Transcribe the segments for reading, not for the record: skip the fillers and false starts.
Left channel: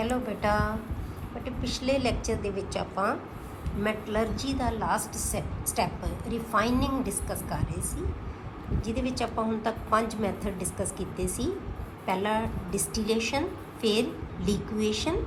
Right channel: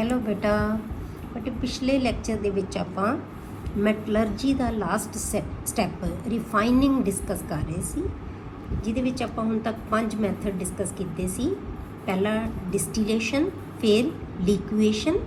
Hello ਬੇਟਾ ਪਿਛਲੇ lecture ਦੇ ਵਿੱਚ ਆਪਾਂ ਮੈਟਲਰਜੀ ਦਾ ਲਾਸਟ ਸਟੈਪ ਰਿਫਾਈਨਿੰਗ ਡਿਸਕਸ ਕਰ ਰਹੇ ਸੀ, ਜਿਹਦੇ ਵਿੱਚ ਆਪਾਂ ਹੁਣ ਤੱਕ 5 ਮੈਥਡ ਡਿਸਕਸ ਕੀਤੇ ਸੀ। ਪਹਿਲਾ ਡਿਸਟੀਲੇਸ਼ਨ, ਫਿਰ ਲਿਕੁਏਸ਼ਨ,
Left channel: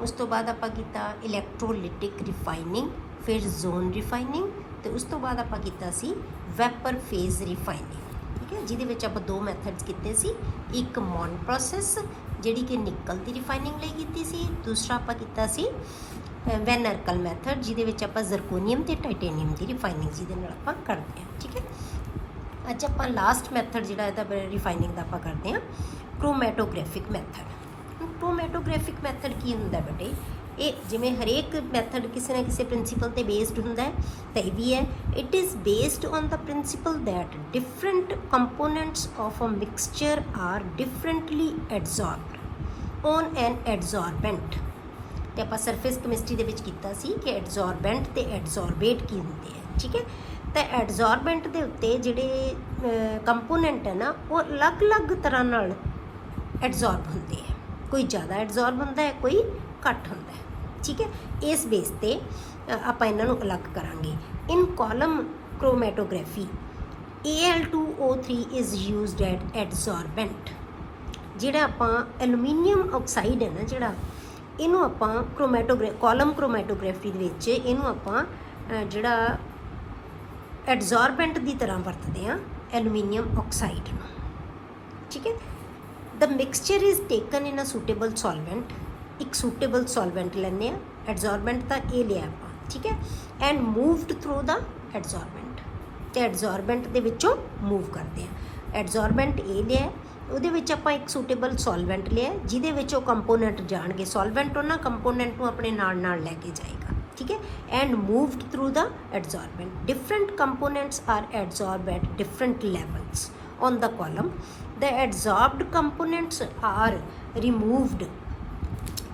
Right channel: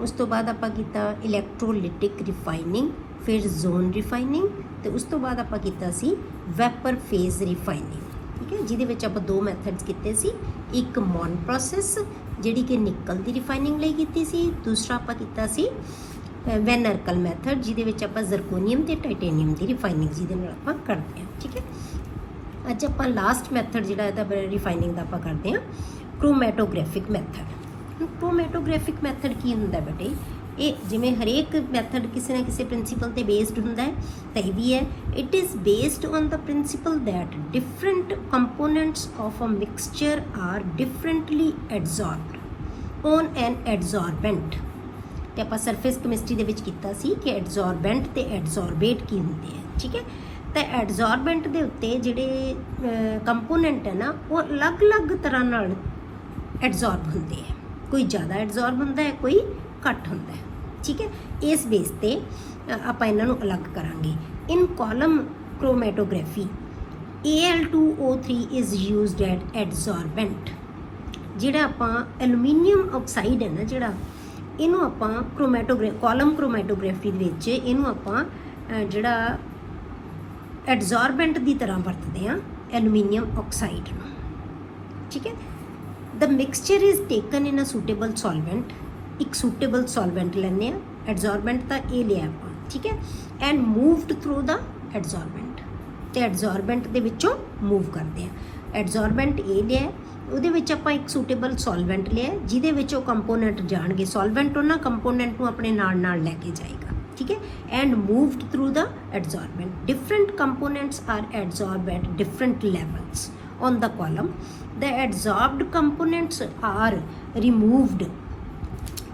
ਉਸ ਤੋਂ ਬਾਅਦ ਆਪਾਂ ਕੀਤਾ ਇਲੈਕਟ੍ਰੋਲਿਟਿਕ ਰਿਫਾਈਨਿੰਗ, ਫਿਰ ਜ਼ੋਨ ਰਿਫਾਈਨਿੰਗ, ਤੇ ਉਸ ਤੋਂ ਬਾਅਦ ਆਪਾਂ ਕੀਤਾ ਸੀ ਵੈਪਰ ਫੇਜ਼ ਰਿਫਾਈਨਿੰਗ। ਠੀਕ ਹੈ, ਜਿਹਦੇ ਵਿੱਚ ਆਪਾਂ 2 ਮੈਥਡਸ ਕੀਤੇ ਸੀ। ਇੱਕ ਮੌਨ ਪ੍ਰੋਸੈਸ ਜਿਹੜੀ ਕਿ ਨਿਕਲ ਦੀ ਰਿਫਾਈਨਿੰਗ ਲਈ ਕੀਤੀ ਸੀ, ਦੂਸਰਾ ਆਪਾਂ ਕੀਤਾ ਸੀ ਵੈਨ ਅਰਕਲ ਮੈਥਡ, ਜਿਹਦੇ ਵਿੱਚ ਆਪਾਂ ਜ਼ਰਕੋਨੀਅਮ ਤੇ ਟਾਈਟੇਨੀਅਮ ਦੀ ਰਿਫਾਈਨਿੰਗ ਜਿਹਦੇ ਨਾਲ ਆਪਾਂ ਕਰਦੇ ਹਾਂ। ਠੀਕ ਹੈ, ਅੱਜ ਆਪਾਂ ਲਾਸਟ ਮੈਥਡ ਜਿਹੜਾ ਇਹਦਾ ਰਿਫਾਈਨਿੰਗ ਦਾ ਆਪਾਂ ਕਰਦੇ ਹਾਂ ਕ੍ਰੋਮੈਟੋਗ੍ਰਾਫਿਕ ਮੈਥਡ। ਕ੍ਰੋਮੈਟੋਗ੍ਰਾਫਿਕ ਮੈਥਡ ਕੀ ਹੁੰਦਾ ਬੇਟੇ? ਇਹ ਜਿਵੇਂ ਹਰੇਕ ਮੈਥਡ ਕਿਸੇ ਨਾ ਕਿਸੇ ਪ੍ਰਿੰਸੀਪਲ ਤੇ ਬੇਸਡ ਹੁੰਦਾ ਹੈ, ਤਾਂ ਇਹ ਵੀ ਹੈ। It is based on the principle that different components of a mixture are differently adsorbed on an adsorbent. ਤੇ ਆਪਾਂ ਸਰਫੇਸ ਕੈਮਿਸਟਰੀ ਦੇ ਵਿੱਚ ਕੀਤਾ ਸੀ ਕਿ ਐਡਜ਼ੋਰਬੈਂਟ ਤੇ ਐਡਜ਼ੋਰਬੇਟ ਕੀ ਹੁੰਦੇ ਆ। ਠੀਕ ਹੈ, ਤਾਂ ਐਡਜ਼ੋਰਬੈਂਟ ਦੇ ਉੱਤੇ ਜਿਹੜੇ ਕੰਪੋਨੈਂਟ ਹੈ ਨਾ, ਉਹ ਅਲੱਗ-ਅਲੱਗ ਤਰ੍ਹਾਂ ਨਾਲ ਐਡਜ਼ੋਰਬ ਹੁੰਦੇ ਆ। ਕੋਈ ਜ਼ਿਆਦਾ ਐਡਜ਼ੋਰਬ ਹੁੰਦਾ ਹੈ, ਕੋਈ ਘੱਟ ਹੁੰਦਾ ਹੈ। ਠੀਕ ਹੈ, ਇਸ ਬੇਸ ਤੇ ਆਪਾਂ ਇਹਨਾਂ ਨੂੰ ਅਲੱਗ ਕਰਾਂਗੇ। In column chromatography Al2O3 is used at adsorbent. ਜਿਹੜਾ ਆਪਾਂ ਐਲੂਮੀਨੀਅਮ ਆਕਸਾਈਡ ਹੈ ਨਾ, ਜਿਹੜਾ ਇਹਨੂੰ ਆਪਾਂ ਕਾਲਮ ਕ੍ਰੋਮੈਟੋਗ੍ਰਾਫੀ ਦੇ ਵਿੱਚ ਇਹਨੂੰ ਆਪਾਂ ਜਿਹੜਾ ਐਡਜ਼ੋਰਬੈਂਟ ਦੀ ਤਰ੍ਹਾਂ ਵਰਤਦੇ ਹਾਂ, ਐਲੂਮੀਨੀਅਮ ਆਕਸਾਈਡ ਨੂੰ। ਠੀਕ ਹੈ, the mixture is taken in a suitable solvent. ਇੱਕ ਸੂਟੇਬਲ ਸੋਲਵੈਂਟ ਲੈਂਦੇ ਹਾਂ, ਐਡਜ਼ੋਰਬੈਂਟ ਤਾਂ ਇਹ ਲਿਆ ਆਪਾਂ। ਠੀਕ ਹੈ, ਐਂਡ ਮੂਵਡ ਥਰੂ ਦਾ ਐਡਜ਼ੋਰਬੈਂਟ, ਤੇ ਐਡਜ਼ੋਰਬੈਂਟ ਦੇ ਵਿੱਚੋਂ ਮੂਵ ਕਰਦੇ ਹਾਂ। ਐਡਜ਼ੋਰਬੈਂਟ ਇਹ ਲਿਆ, ਉਹਦੇ ਵਿੱਚ ਆਪਾਂ ਇੱਕ ਸੂਟੇਬਲ ਸੋਲਵੈਂਟ ਲਿਆ, ਜਿਹਦੇ ਵਿੱਚ ਉਹ ਕੰਪੋਨੈਂਟ ਜਾਣਗੇ। ਸੋਲਵੈਂਟ ਉਹਨਾਂ ਕੰਪੋਨੈਂਟ ਨੂੰ ਆਪਣੇ ਨਾਲ ਲੈ ਕੇ ਜਾਏਗਾ। ਠੀਕ ਹੈ, and moved through the adsorbent. Different components are adsorb at different levels on the column. The adsorbed components are removed,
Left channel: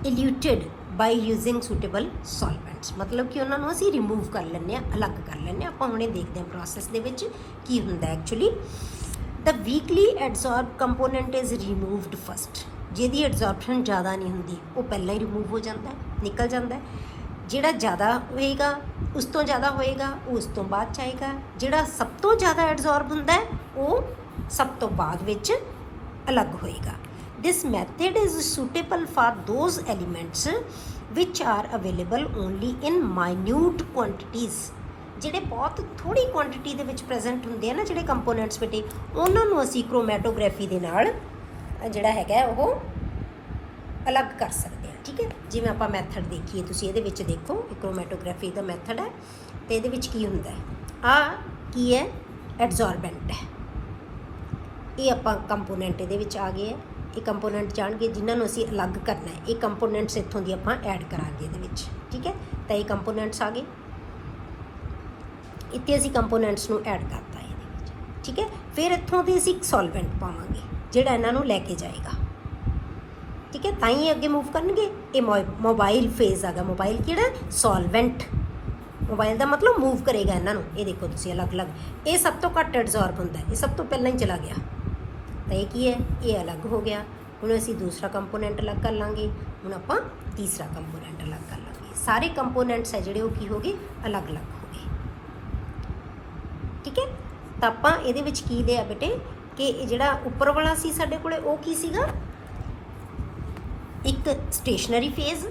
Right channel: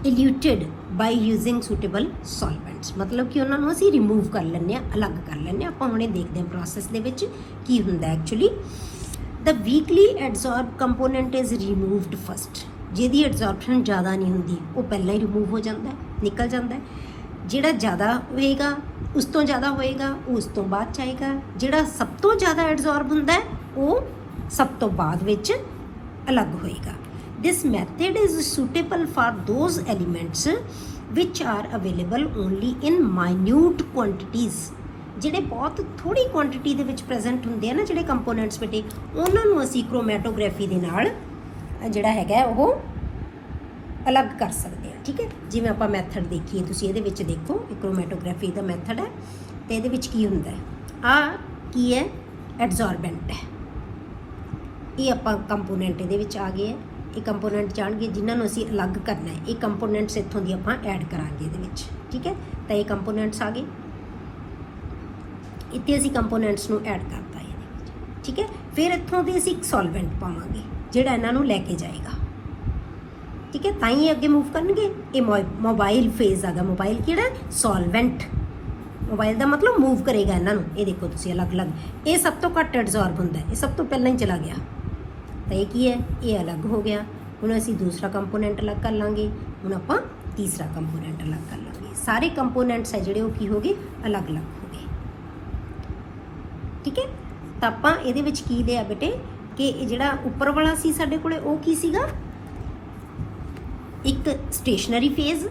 eluted by using suitable solvents। मतलब कि ਉਹਨਾਂ ਨੂੰ ਅਸੀਂ ਰਿਮੂਵ ਕਰ ਲੈਂਦੇ ਹਾਂ, ਅਲੱਗ ਕਰ ਲੈਂਦੇ ਹਾਂ। ਆਪਾਂ ਹੁਣੇ ਦੇਖਦੇ ਹਾਂ ਪ੍ਰੋਸੈਸ ਦੇ ਵਿੱਚ ਕੀ ਹੁੰਦਾ actually. The weakly adsorbed component is removed first। ਜਿਹਦੀ ਐਡਜ਼ੋਰਪਸ਼ਨ ਜ਼ਿਆਦਾ ਨਹੀਂ ਹੁੰਦੀ, ਉਹ ਪਹਿਲਾਂ ਹੀ ਰਿਮੂਵ ਹੋ ਜਾਂਦਾ ਹੈ, ਨਿਕਲ ਜਾਂਦਾ ਹੈ। ਜਿਹੜਾ ਜ਼ਿਆਦਾ ਹੋਏਗਾ, ਉਸ ਤੋਂ ਜ਼ਿਆਦਾ ਹੋਏਗਾ, ਉਹ ਉਸ ਤੋਂ ਬਾਅਦ 'ਚ ਆਏਗਾ। ਜਿਹੜਾ ਸਭ ਤੋਂ ਜ਼ਿਆਦਾ ਐਡਜ਼ੋਰਬ ਹੁੰਦਾ ਹੈ, ਉਹ ਸਭ ਤੋਂ ਬਾਅਦ ਵਿੱਚ ਅਲੱਗ ਹੋਏਗਾ। This method is suitable for those elements which are available only in minute quantities. ਜਿਹੜੇ ਬਹੁਤ ਥੋੜ੍ਹੀ ਕੁਆਂਟਿਟੀ ਦੇ ਵਿੱਚ ਪ੍ਰੈਜ਼ੈਂਟ ਹੁੰਦੇ ਆ ਨਾ, ਜਿਹੜੇ ਕੰਪੋਨੈਂਟਸ ਬੇਟੇ, ਉਹਨਾਂ ਨੂੰ ਅਸੀਂ ਕ੍ਰੋਮੈਟੋਗ੍ਰਾਫੀ ਦੇ ਨਾਲ ਜਿਹੜਾ ਹੈਗਾ ਉਹ ਅਲੱਗ ਕਰ ਸਕਦੇ ਹਾਂ। ਠੀਕ ਹੈ, ਜਿਵੇਂ ਆਪਾਂ ਮੈਥਡ ਦੇਖੀਏ, ਤੁਸੀਂ ਇਹਦੇ ਵਿੱਚ ਦੇਖੋ, ਕ੍ਰੋਮੈਟੋਗ੍ਰਾਫੀ ਦਾ ਮੈਥਡ ਹੈ, ਤੇ ਇਹਦੇ ਵਿੱਚ ਕੀ ਹੁੰਦਾ ਹੈ? ਆਹ ਕੀ ਹੈ? ਐਡਜ਼ੋਰਬੈਂਟ ਹੈ। ਇਹ ਆਪਾਂ ਕੰਪੋਨੈਂਟ ਇਹਦੇ ਵਿੱਚ ਆ ਗਏ ਹੈ। ਇਹ ਕੰਪੋਨੈਂਟ ਜਾਣਗੇ ਜਿਨ੍ਹਾਂ ਨੂੰ ਅਸੀਂ ਅਲੱਗ ਕਰਨਾ ਹੈ। ਇਹ ਕੰਪੋਨੈਂਟਸ ਇੱਥੋਂ ਦੀ ਆਪਾਂ ਐਡ ਕਰਾਂਗੇ ਇਹਦੇ ਵਿੱਚ। ਠੀਕ ਹੈ, ਤਾਂ ਇਹ ਕੰਪੋਨੈਂਟਸ ਆ ਗਏ, ਇੱਥੇ ਅਸੀਂ ਕੰਪੋਨੈਂਟਸ ਨੂੰ ਐਡ ਕਰਤਾ ਹੈ। ਠੀਕ ਹੈ, ਫਿਰ ਇੱਥੋਂ ਦੀ ਅਸੀਂ ਇੱਕ ਸੋਲਵੈਂਟ ਪਾਵਾਂਗੇ ਜਿਹੜਾ ਇਹਨਾਂ ਨੂੰ ਲੈ ਕੇ ਜਾਏਗਾ। ਠੀਕ ਹੈ, ਤਾਂ ਹੀ ਅੱਗੇ ਮੂਵ ਕਰਨਗੇ। ਇਹ ਮੋਬਾਈਲ ਫੇਜ਼ ਆ ਗਿਆ। ਮੋਬਾਈਲ ਕਿਹੜਾ? ਸੋਲਵੈਂਟ। ਮੋਬਾਈਲ ਦਾ ਮਤਲਬ ਮੂਵ ਕਰੇਗਾ ਇਹਨਾਂ ਨੂੰ। ਇਹ ਦੇਖੋ ਤੁਸੀਂ ਅਲੱਗ-ਅਲੱਗ। ਇਹ ਸਭ ਤੋਂ ਘੱਟ ਐਡਜ਼ੋਰਬ ਹੁੰਦਾ, ਇਹ ਸਭ ਤੋਂ ਪਹਿਲਾਂ ਹੀ ਚਲਾ ਗਿਆ। ਤਾਂ ਇਹ ਕੀ ਹੈ? ਇਹ ਅਲੱਗ ਹੋ ਗਿਆ। ਹੁਣ ਅਸੀਂ ਦੂਸਰਾ ਕੰਪੋਨੈਂਟ ਅਲੱਗ ਕਰ ਲਾਂਗੇ। ਹੁਣ ਆਪਾਂ ਤੀਸਰਾ ਕੰਪੋਨੈਂਟ ਅਲੱਗ ਕਰ ਲਾਂਗੇ। ਸਾਰੇ ਕੰਪੋਨੈਂਟਸ ਹੈ ਜਿਹੜੇ ਉਹ ਕੀ ਹੋ ਗਏ? ਅਲੱਗ-ਅਲੱਗ ਹੋ ਗਏ। ਠੀਕ ਹੈ, ਤਾਂ ਆਪਾਂ ਇਹਦੇ ਵਿੱਚ ਕੀ ਲਿਆ ਬੇਟੇ ਕਿ ਜਿਹੜਾ ਉੱਪਰ ਵਾਲਾ ਸੀ ਸਾਡੇ ਕੋਲੇ, ਉਹ ਕੀ ਸੀਗਾ? ਇੱਕ ਸਟੇਸ਼ਨਰੀ ਫੇਜ਼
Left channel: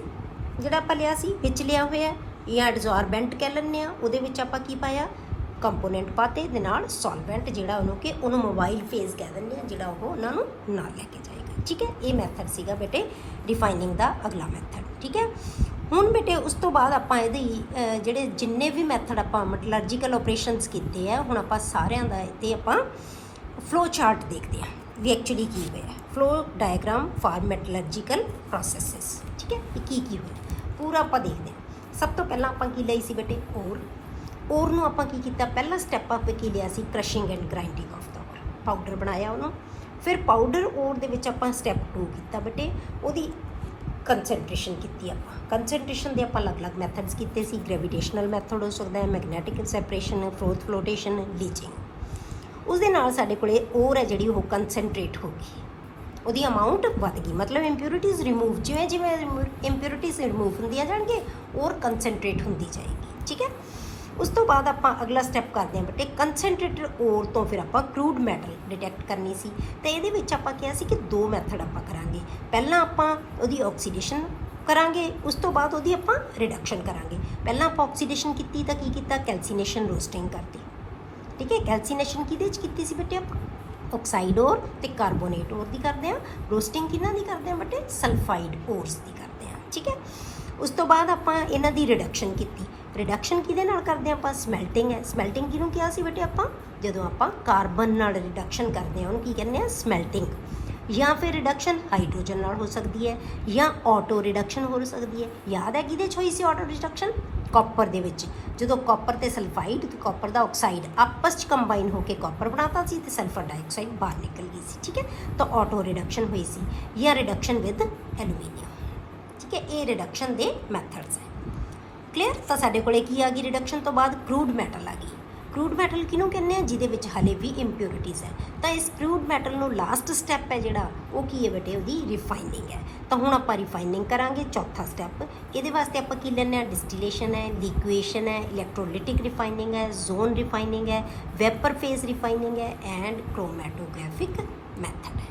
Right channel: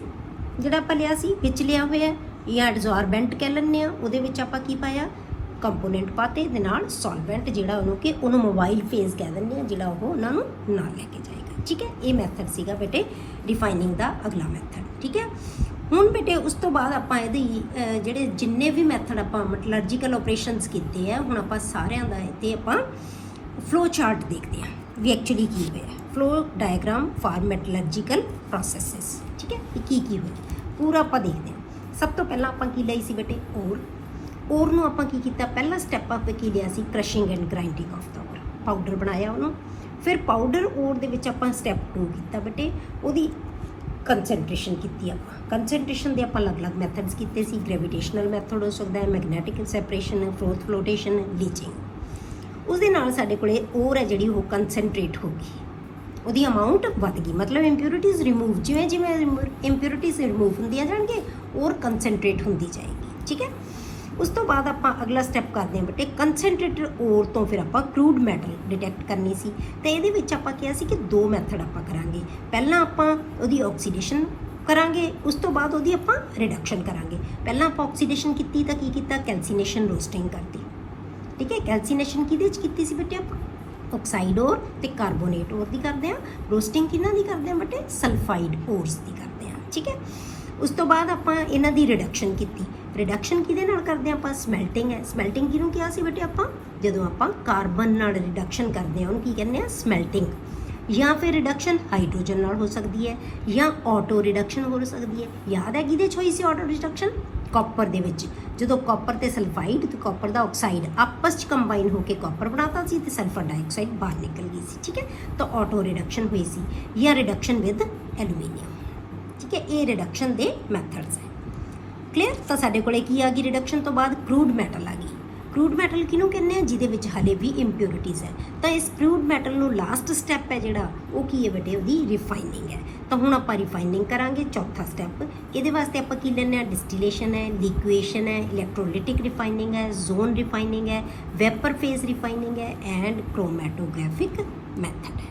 ਜਿਹੜਾ ਆਪਾਂ ਲਿਆ ਸੀ, ਵਿੱਚ ਲਿਆ ਹੋਇਆ, ਜਾਂ ਐਡਜ਼ੋਰਬੈਂਟ ਕਹਿ ਲੈਂਦੇ ਹਾਂ। ਉਹਦੇ ਵਿੱਚ ਆਪਾਂ ਕੀ ਪਾਇਆ? ਕੰਪੋਨੈਂਟ ਪਾਤੇ ਦੇ ਨਾਲ ਸੋਲਵੈਂਟ, ਜਿਹੜਾ ਉਹਨੂੰ ਮੋਬਾਈਲ ਫੇਜ਼ ਕਹਿ ਦਿੰਦੇ ਹਾਂ, ਜਿਹੜਾ ਉਹ ਉਹਨਾਂ ਨੂੰ ਨਾਲ ਲੈ ਕੇ ਜਾਏਗਾ। ਠੀਕ ਹੈ, ਇਹ ਮੈਥਡ ਸੀਗਾ ਬੇਟੇ ਰਿਫਾਈਨਿੰਗ ਦਾ ਅਗਲਾ ਮੈਥਡ। ਠੀਕ ਹੈ, ਹੁਣ ਬੇਟੇ ਉਸ ਤੋਂ ਬਾਅਦ ਆਪਾਂ ਇਹਦੇ ਜਿਹੜੇ ਜਿੰਨੇ ਵੀ ਮੈਥਡ ਆਪਾਂ ਮੈਟਲਰਜੀਕਲ ਆਪਰੇਸ਼ਨਸ ਕੀਤੇ ਆ, ਹੁਣ ਆਪਾਂ ਸਾਰਿਆਂ ਦਾ ਇੱਥੇ ਆਪਾਂ ਫਲੋ ਚਾਰਟ ਦੇਖਦੇ ਹਾਂ ਵੀ ਐਕਚੁਅਲੀ ਕੀ ਹੋਇਆ। Flow diagram for metallurgical processes. ਠੀਕ ਹੈ, ਕੀ ਹੋਇਆ ਪੂਰਾ ਆਪਾਂ ਦੇਖਦੇ ਹਾਂ। ਸਭ ਤੋਂ ਪਹਿਲਾਂ ਆਪਾਂ ਕੀ ਲਈ ਸੀ ਬੇਟੇ? ਔਰ ਨੂੰ ਆਪਾਂ ਕੀ ਕੀਤਾ? ਪਹਿਲਾ ਸਟੈਪ ਆਪਾਂ ਕੀ ਲਿਆ ਸੀ? ਕ੍ਰਸ਼ਿੰਗ ਐਂਡ ਗ੍ਰਾਈਂਡਿੰਗ ਆਫ ਦਾ ਔਰ। ਪਾਊਡਰ ਬਣਾਇਆ ਉਹਨੂੰ। ਫਿਰ ਪਾਊਡਰ ਔਰ ਦੇ ਵਿੱਚ ਆਪਾਂ ਸਟੈਪ 2 ਕੀਤਾ ਬੇਟੇ, ਉਹਦੀ ਕੰਸਨਟ੍ਰੇਸ਼ਨ ਕੀਤੀ। ਆਪਾਂ ਕੰਸਨਟ੍ਰੇਸ਼ਨ ਦੇ ਆਪਾਂ ਅਲੱਗ-ਅਲੱਗ ਮੈਥਡਸ ਕੀਤੇ ਸੀ। ਗ੍ਰੈਵੀਟੇਸ਼ਨਲ ਮੈਥਡ ਹੋ ਸਕਦਾ ਹੈ, ਮੈਗਨੈਟਿਕ ਸੈਪਰੇਸ਼ਨ ਹੈ, ਫੋਰਥ ਫਲੋਟੇਸ਼ਨ ਹੈ, ਲੀਚਿੰਗ। ਉਸ ਦੇ ਨਾਲ ਸਾਡੇ ਕੋਲੇ ਔਰ ਹੈ ਜਿਹੜੀ ਉਹ ਕੰਸਨਟ੍ਰੇਟ ਹੋ ਗਈ। ਉਹਦੀ ਅਮਾਊਂਟ ਵੱਧ ਗਈ, ਮਤਲਬ ਇੰਪਿਊਰਿਟੀਜ਼ ਰਿਮੂਵ, ਜਿਵੇਂ ਜਿਵੇਂ ਇੰਪਿਊਰਿਟੀਜ਼ ਰਿਮੂਵ ਹੁੰਦੀਆਂ ਜਾਣਗੇ ਔਰ ਕੰਸਨਟ੍ਰੇਟ ਹੁੰਦੀ ਜਾਏਗੀ। ਠੀਕ ਹੈ, ਉਸ ਤੋਂ ਬਾਅਦ ਆਪਾਂ ਅਗਲਾ ਸਟੈਪ ਕਰਦੇ ਹਾਂ ਬੇਟੇ ਕੰਸਨਟ੍ਰੇਟਡ ਓਰ ਤੋਂ ਫਿਰ ਆਪਾਂ ਕਰੂਡ ਮੈਟਲ ਡਿਟੈਕਟ ਕਰਨੀ ਸੀ। ਤੇ ਇਹਦੇ ਵਿੱਚ ਆਪਾਂ ਕਿਹਾ ਸੀ ਕਿ 2 ਮੈਥਡ ਆਪਾਂ ਕਰਾਂਗੇ। ਪਹਿਲਾਂ ਆਪਾਂ ਉਹਦੀ ਆਕਸੀਡੇਸ਼ਨ ਕਰਾਂਗੇ, ਉਸ ਤੋਂ ਬਾਅਦ ਉਹਦੀ ਆਪਾਂ ਰਿਡਕਸ਼ਨ ਕਰਾਂਗੇ। ਪਹਿਲਾਂ ਆਪਾਂ ਆਕਸੀਡੇਸ਼ਨ ਕੀਤੀ ਤਾਂ ਕੀ ਕੀਤਾ, ਕੈਲਸੀਨੇਸ਼ਨ ਰੋਸਟਿੰਗ ਕਰਤੀ। ਠੀਕ ਹੈ, ਕੈਲਸੀਨੇਸ਼ਨ ਕਿਹਦੇ ਵਿੱਚ ਕੀਤੀ ਸੀ ਬੇਟੇ ਆਪਾਂ, ਆਕਸਾਈਡ ਓਰ ਤੇ ਕਾਰਬੋਨੇਟ ਓਰ ਦੀ ਕਰਦੇ ਹਾਂ। ਰੋਸਟਿੰਗ ਕਿਹਨਾਂ ਦੀ ਕਰਦੇ ਹਾਂ ਬੇਟੇ, ਸਲਫਾਈਡ ਓਰਸ ਦੀ ਕਰਦੇ ਹਾਂ। ਠੀਕ ਹੈ, ਉਸ ਤੋਂ ਬਾਅਦ ਆਪਾਂ ਇਹਨਾਂ ਦੀ ਰਿਡਕਸ਼ਨ ਕੀਤੀ। ਰਿਡਕਸ਼ਨ ਕਿਹਦੇ ਨਾਲ ਕਰਦੇ ਹਾਂ ਆਪਾਂ, ਸਮੈਲਟਿੰਗ ਹੈ। ਸਮੈਲਟਿੰਗ ਕਿਹਨੂੰ ਕਿਹਾ ਸੀ ਬੇਟੇ ਆਪਾਂ, ਜਦੋਂ ਆਪਾਂ ਕਾਰਬਨ ਨਾਲ ਰਿਡਕਸ਼ਨ ਕਰਦੇ ਹਾਂ ਉਹਨੂੰ ਕੀ ਕਹਿੰਦੇ ਆ, ਸਮੈਲਟਿੰਗ। ਜਾਂ ਫਿਰ ਰਿਡਕਸ਼ਨ ਹਾਈਡਰੋਜਨ ਨਾਲ ਹੋ ਸਕਦੀ ਹੈ ਜਾਂ ਆਟੋ ਰਿਡਕਸ਼ਨ ਹੋ ਸਕਦੀ ਹੈ। ਯਾਦ ਹੈ ਕਿਹਦੇ 'ਚ ਹੋਈ ਸੀ ਆਟੋ ਰਿਡਕਸ਼ਨ, ਕਾਪਰ ਦੇ ਵਿੱਚ, ਜਦੋਂ ਕਾਪਰ ਤੇ ਸਲਫਾਈਡ ਤੇ ਕਾਪਰ ਦਾ ਆਕਸਾਈਡ ਆਪਸ 'ਚ ਕੰਬਾਈਨ ਹੋ ਕੇ ਕਾਪਰ ਬਣਾਤਾ ਸੀ ਤੇ ਸਲਫਰ ਡਾਈਆਕਸਾਈਡ ਬਾਹਰ ਨਿਕਲ ਗਈ ਸੀ। ਠੀਕ ਹੈ, ਤਾਂ ਆਟੋ ਰਿਡਕਸ਼ਨ ਹੋਈ ਸੀ ਜਾਂ ਰਿਡਕਸ਼ਨ ਵਿਦ ਐਲੂਮੀਨੀਅਮ। ਠੀਕ ਹੈ, ਇਹ ਰਿਡਕਸ਼ਨ ਦੇ ਮੈਥਡਸ ਹੈ। ਕਲੀਅਰ, ਤਾਂ ਸਾਡੇ ਕੋਲੇ ਕੀ ਆ ਗਈ ਰਿਡਕਸ਼ਨ ਤੋਂ ਬਾਅਦ, ਕਰੂਡ ਮੈਟਲ ਆ ਗਈ। ਕਰੂਡ ਮੈਟਲ ਕਿਹਨੂੰ ਕਹਿੰਦੇ ਆ, ਜਿਹਦੇ ਵਿੱਚ ਹਾਲੇ ਵੀ ਇੰਪਿਊਰਿਟੀਜ਼ ਹੈ। ਤਾਂ ਇਸ ਕਰੂਡ ਮੈਟਲ ਨੂੰ ਲਾਸਟ ਸਟੈਪ ਹੈ ਜਿਹੜਾ ਉਹ ਕੀ ਹੈ ਬੇਟੇ, ਉਹਦੀ ਰਿਫਾਈਨਿੰਗ ਹੈ। ਤਾਂ ਹੁਣ ਆਪਾਂ ਰਿਫਾਈਨਿੰਗ ਕਰਾਂਗੇ, ਚੌਥਾ ਸਟੈਪ। ਇਹਦੇ ਵਾਸਤੇ ਆਪਾਂ ਕੀ ਲੈਂਦੇ ਹਾਂ, ਡਿਸਟੀਲੇਸ਼ਨ ਹੈ, ਲਿਕੁਏਸ਼ਨ ਹੈ, ਇਲੈਕਟ੍ਰੋਲਿਟਿਕ ਰਿਫਾਈਨਿੰਗ ਹੈ, ਜ਼ੋਨ ਰਿਫਾਈਨਿੰਗ ਹੈ, ਵੈਪਰ ਫੇਜ਼ ਰਿਫਾਈਨਿੰਗ ਹੈ ਐਂਡ ਕ੍ਰੋਮੈਟੋਗ੍ਰਾਫਿਕ ਮੈਥਡ ਹੈ।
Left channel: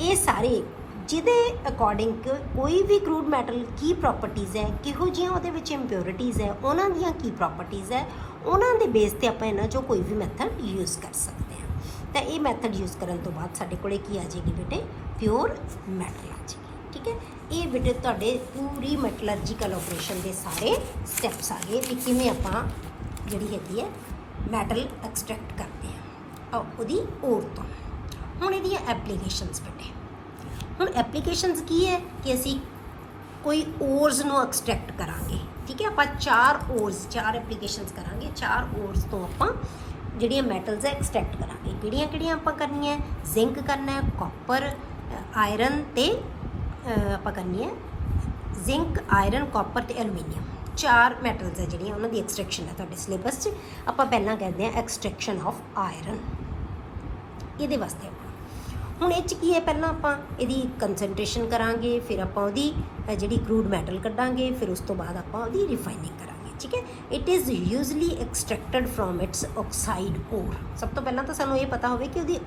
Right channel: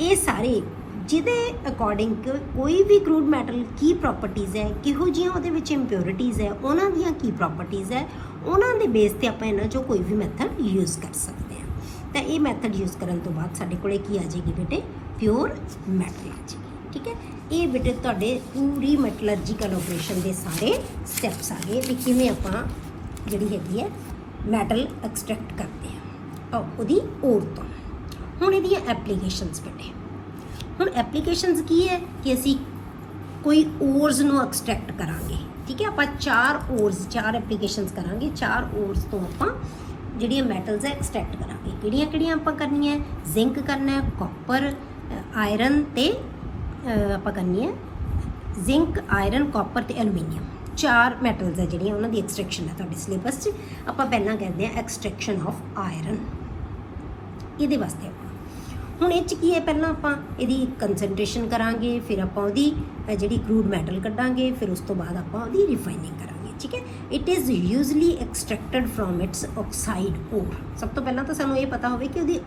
ਇਹ ਸਾਰੇ ਜਿਹਦੇ ਅਕੋਰਡਿੰਗ ਕੋਈ ਵੀ ਕਰੂਡ ਮੈਟਲ ਕੀ ਪ੍ਰੋਪਰਟੀਜ਼ ਹੈ, ਕਿਹੋ ਜਿਹੀਆਂ ਉਹਦੇ ਵਿੱਚ ਇੰਪਿਊਰਿਟੀਜ਼ ਹੈ, ਉਹਨਾਂ ਦੀਆਂ ਕੀ ਪ੍ਰੋਪਰਟੀਜ਼ ਹੈ, ਉਹਨਾਂ ਦੇ ਬੇਸ ਤੇ ਆਪਾਂ ਇਹਨਾਂ 'ਚੋਂ ਕੋਈ ਵੀ ਮੈਥਡ ਯੂਜ਼ ਕਰ ਸਕਦੇ ਹਾਂ। ਤਾਂ ਇਹ ਮੈਥਡ ਯੂਜ਼ ਕਰਨ ਤੋਂ ਬਾਅਦ ਸਾਡੇ ਕੋਲੇ ਕੀ ਆ ਜਾਏਗੀ ਬੇਟੇ, ਪਿਓਰ ਮੈਟਲ ਆ ਜਾਏਗੀ। ਠੀਕ ਹੈ, ਇਹ ਬੇਟੇ ਤੁਹਾਡੇ ਪੂਰੀ ਮੈਟਲਰਜੀਕਲ ਆਪਰੇਸ਼ਨ ਦੇ ਸਾਰੇ ਸਟੈਪਸ ਆ ਗਏ ਕਿ ਕਿਵੇਂ ਆਪਾਂ ਜਿਹੜੀ ਹੈਗੀ ਹੈ ਮੈਟਲ ਐਕਸਟ੍ਰੈਕਟ ਕਰਦੇ ਹਾਂ ਉਹਦੀ ਓਰ ਤੋਂ। ਹੁਣ ਇਹਦੀਆਂ ਐਪਲੀਕੇਸ਼ਨਸ ਬੇਟੇ, ਹੁਣ ਐਪਲੀਕੇਸ਼ਨਸ ਕੀ ਹੈ ਕਿ ਅਸੀਂ ਕੋਈ ਓਰਸ ਨੂੰ ਐਕਸਟ੍ਰੈਕਟ ਕਰਾਂਗੇ। ਠੀਕ ਹੈ, ਆਪਾਂ 4 ਐਪਲੀਕੇਸ਼ਨਸ ਕਰਾਂਗੇ। 4 ਓਰਸ ਤੋਂ ਆਪਾਂ ਜਿਹੜੀਆਂ ਮੈਟਲਸ ਹੈ ਐਕਸਟ੍ਰੈਕਟ ਕਰਾਂਗੇ। ਕਿਹੜੀਆਂ ਕਿਹੜੀਆਂ ਆਪਾਂ ਕਰਨੀਆਂ, ਜ਼ਿੰਕ ਕਰਨਾ ਹੈ, ਕਾਪਰ, ਆਇਰਨ ਤੇ ਆਪਾਂ ਕਰਨੀ ਹੈ ਜ਼ਿੰਕ, ਆਇਰਨ, ਕਾਪਰ ਤੇ ਐਲੂਮੀਨੀਅਮ। 4 ਮੈਟਲਸ ਹੈ ਜਿਹੜੀਆਂ ਉਹਨਾਂ ਦੀ ਐਕਸਟ੍ਰੈਕਸ਼ਨ ਹੈ ਤੁਹਾਡੇ ਸਿਲੇਬਸ 'ਚ। ਆਪਾਂ ਪਹਿਲਾਂ ਕਰਦੇ ਹਾਂ ਐਕਸਟ੍ਰੈਕਸ਼ਨ ਆਫ ਆਇਰਨ। ਇਹਦੇ ਵਾਸਤੇ ਹੁਣ ਇਹ 'ਚ ਕੀ ਹੈ, ਪਹਿਲਾਂ ਆਪਾਂ ਇਹਦੀ ਕੰਸਨਟ੍ਰੇਸ਼ਨ ਕਰਾਂਗੇ, ਫਿਰ ਆਪਾਂ ਉਹਦੀ ਜਿਹੜੀ ਕਰੂਡ ਮੈਟਲ ਕੱਢਾਂਗੇ, ਫਿਰ ਉਸ ਤੋਂ ਬਾਅਦ ਆਪਾਂ ਉਹਦੀ ਰਿਫਾਈਨਿੰਗ ਕਰਾਂਗੇ। ਠੀਕ ਹੈ, it is usually extracted from its oxide ore. ਸਭ ਤੋਂ ਪਹਿਲਾਂ ਤਾਂ ਸਾਨੂੰ ਇਹ ਪਤਾ ਹੋਵੇ ਕਿ ਉਹਦੀ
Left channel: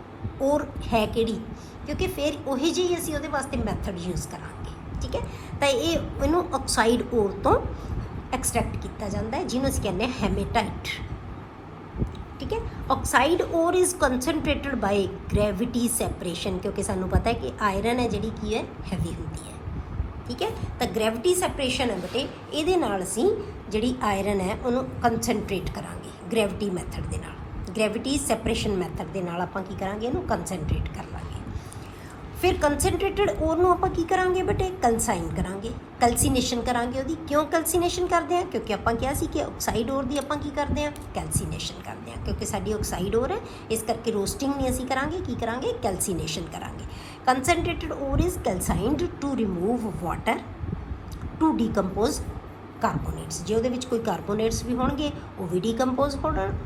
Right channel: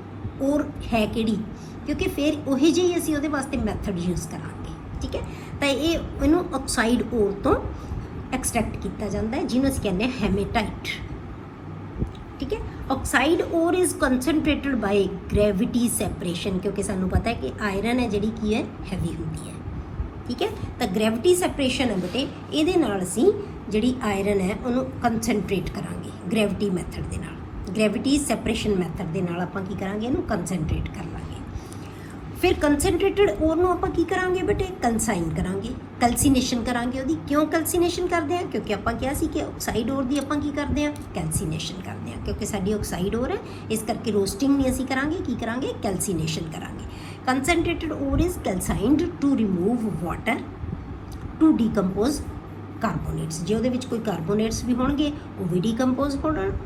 ਓਰ ਹੈ ਕਿਹੜੀ, ਕਿਉਂਕਿ ਫਿਰ ਉਹੀ ਜਿਹੀ ਅਸੀਂ ਉਹਦੇ ਵਾਸਤੇ ਮੈਥਡ ਯੂਜ਼ ਕਰਾਂਗੇ। ਠੀਕ ਹੈ, ਤਾਂ ਇਹਨੂੰ ਆਕਸਾਈਡ ਓਰ ਤੋਂ ਐਕਸਟ੍ਰੈਕਟ ਕੀਤਾ ਜਾਂਦਾ ਹੈ, ਜਿਹਨੂੰ ਅਸੀਂ ਕਹਿੰਦੇ ਹਾਂ ਹੈਮੇਟਾਈਟ। ਠੀਕ ਹੈ, oxide ore is concentrated by gravity separation, ਕਿਉਂਕਿ ਸਾਨੂੰ ਪਤਾ ਹੈ ਕਿ ਆਇਰਨ ਹੈ ਜਿਹੜੀ ਕੀ ਹੈ, ਹੈਵੀ ਹੁੰਦੀ ਹੈ। ਠੀਕ ਹੈ, ਤਾਂ ਗ੍ਰੈਵਿਟੀ ਸੈਪਰੇਸ਼ਨ ਹੈ ਬੇਟੇ, ਇਹਦੇ ਨਾਲ ਅਸੀਂ ਜਿਹੜੀ ਆਇਰਨ ਹੈ ਉਹਨੂੰ ਕੰਸਨਟ੍ਰੇਟ ਕਰਾਂਗੇ ਗ੍ਰੈਵਿਟੀ ਮੈਥਡ ਦੇ ਨਾਲ। ਗ੍ਰੈਵਿਟੀ ਸੈਪਰੇਸ਼ਨ ਮੈਥਡ ਦੇ ਨਾਲ ਆਪਾਂ ਕੀ ਕਰਾਂਗੇ, ਇਹਨੂੰ ਕੰਸਨਟ੍ਰੇਟ ਕਰ ਲਾਂਗੇ। ਫਿਰ ਕੰਸਨਟ੍ਰੇਟਡ ਓਰ ਨੂੰ ਆਪਾਂ ਕੀ ਕਰਾਂਗੇ ਬੇਟੇ, ਕੈਲਸਾਈਨ ਕਰਾਂਗੇ, ਕੈਲਸੀਨੇਸ਼ਨ ਕਰਾਂਗੇ ਉਹਦੀ। ਕਿਉਂ ਕੈਲਸੀਨੇਸ਼ਨ ਕਰਦੇ ਹਾਂ, ਕਿਉਂਕਿ ਆਪਾਂ ਕਿਹਾ ਸੀ ਕਿ ਆਕਸਾਈਡ ਓਰ ਦੀ ਆਪਾਂ ਕੀ ਕਰਦੇ ਹਾਂ, ਕੈਲਸੀਨੇਸ਼ਨ ਕਰਦੇ ਹਾਂ। ਕਿਉਂਕਿ ਸਾਡੀ ਆਕਸਾਈਡ ਓਰ ਹੈ, ਇਸ ਕਰਕੇ ਰੋਸਟਿੰਗ ਨਹੀਂ ਅਸੀਂ ਕਰਾਂਗੇ, ਕੀ ਕਰਾਂਗੇ, ਕੈਲਸੀਨੇਸ਼ਨ ਕਰਾਂਗੇ। Concentrated ore is calcined to remove water to decompose carbonates. ਜੇ ਉਹਦੇ ਵਿੱਚ ਕੋਈ ਕਾਰਬੋਨੇਟਸ ਵੀ ਹੋਣਗੇ ਉਹ ਵੀ ਡੀਕੰਪੋਜ਼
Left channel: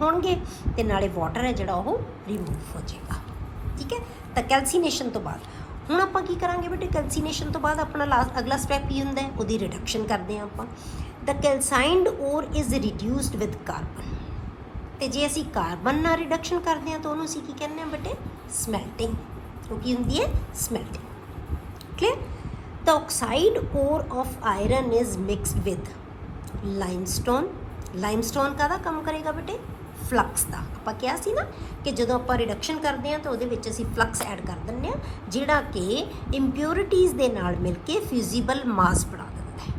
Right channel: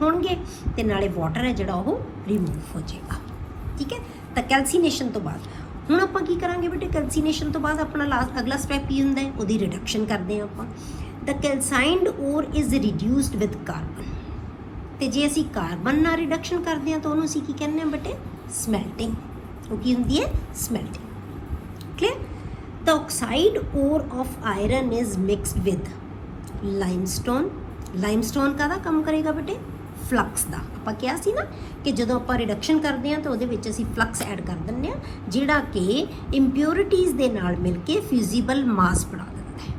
ਹੋਣਗੇ ਤੇ ਨਾਲੇ ਵਾਟਰ ਹੈ ਜਿਹੜਾ ਉਹ ਰਿਮੂਵ ਹੋ ਜਾਏਗਾ। ਠੀਕ ਹੈ, ਤਾਂ ਕੈਲਸੀਨੇਸ਼ਨ ਤੋਂ ਬਾਅਦ ਹੁਣ ਆਪਾਂ ਕੀ ਕਰਾਂਗੇ ਬੇਟੇ, ਕੈਲਸੀਨੇਸ਼ਨ ਤੋਂ ਬਾਅਦ ਆਪਣਾ ਅਗਲਾ ਸਟੈਪ ਕੀ ਹੁੰਦਾ ਹੈ, ਉਹਦੀ ਰਿਡਕਸ਼ਨ ਕਰਦੇ ਹਾਂ ਆਪਾਂ। ਦ ਕੈਲਸਾਈਨਡ ਓਰ ਇਜ਼ ਰਿਡਿਊਸਡ ਵਿਦ ਕਾਰਬਨ। ਤੇ ਜੇ ਅਸੀਂ ਕਾਰਬਨ ਨਾਲ ਰਿਡਕਸ਼ਨ ਕਰਦੇ ਹਾਂ ਤਾਂ ਉਹਨੂੰ ਅਸੀਂ ਕੀ ਕਹਿੰਦੇ ਹਾਂ ਬੇਟੇ, ਸਮੈਲਟਿੰਗ। ਉਹ ਕੀ ਹੁੰਦੀ ਹੈ, smelting. Clear, the oxide ore of iron is mixed with limestone. Limestone ਕਾਹਦਾ ਕੰਮ ਕਰੇਗਾ ਬੇਟੇ, ਫਲਕਸ ਦਾ। ਆਪਾਂ ਕਿਹਾ ਸੀ ਨਾ ਕਿ ਜਦੋਂ ਆਪਾਂ ਰਿਡਕਸ਼ਨ ਕਰਦੇ ਹਾਂ ਤਾਂ ਉਹਦੇ ਵਿੱਚ ਅਸੀਂ ਫਲਕਸ ਐਡ ਕਰ ਦਿੰਦੇ ਹਾਂ, ਜਿਹੜਾ ਕਿ ਇੰਪਿਊਰਿਟੀਜ਼ ਦੇ ਨਾਲ ਮਿਲ ਕੇ ਫਿਊਜ਼ੀਬਲ ਮਾਸ ਬਣਾ ਦਿੰਦਾ ਹੈ।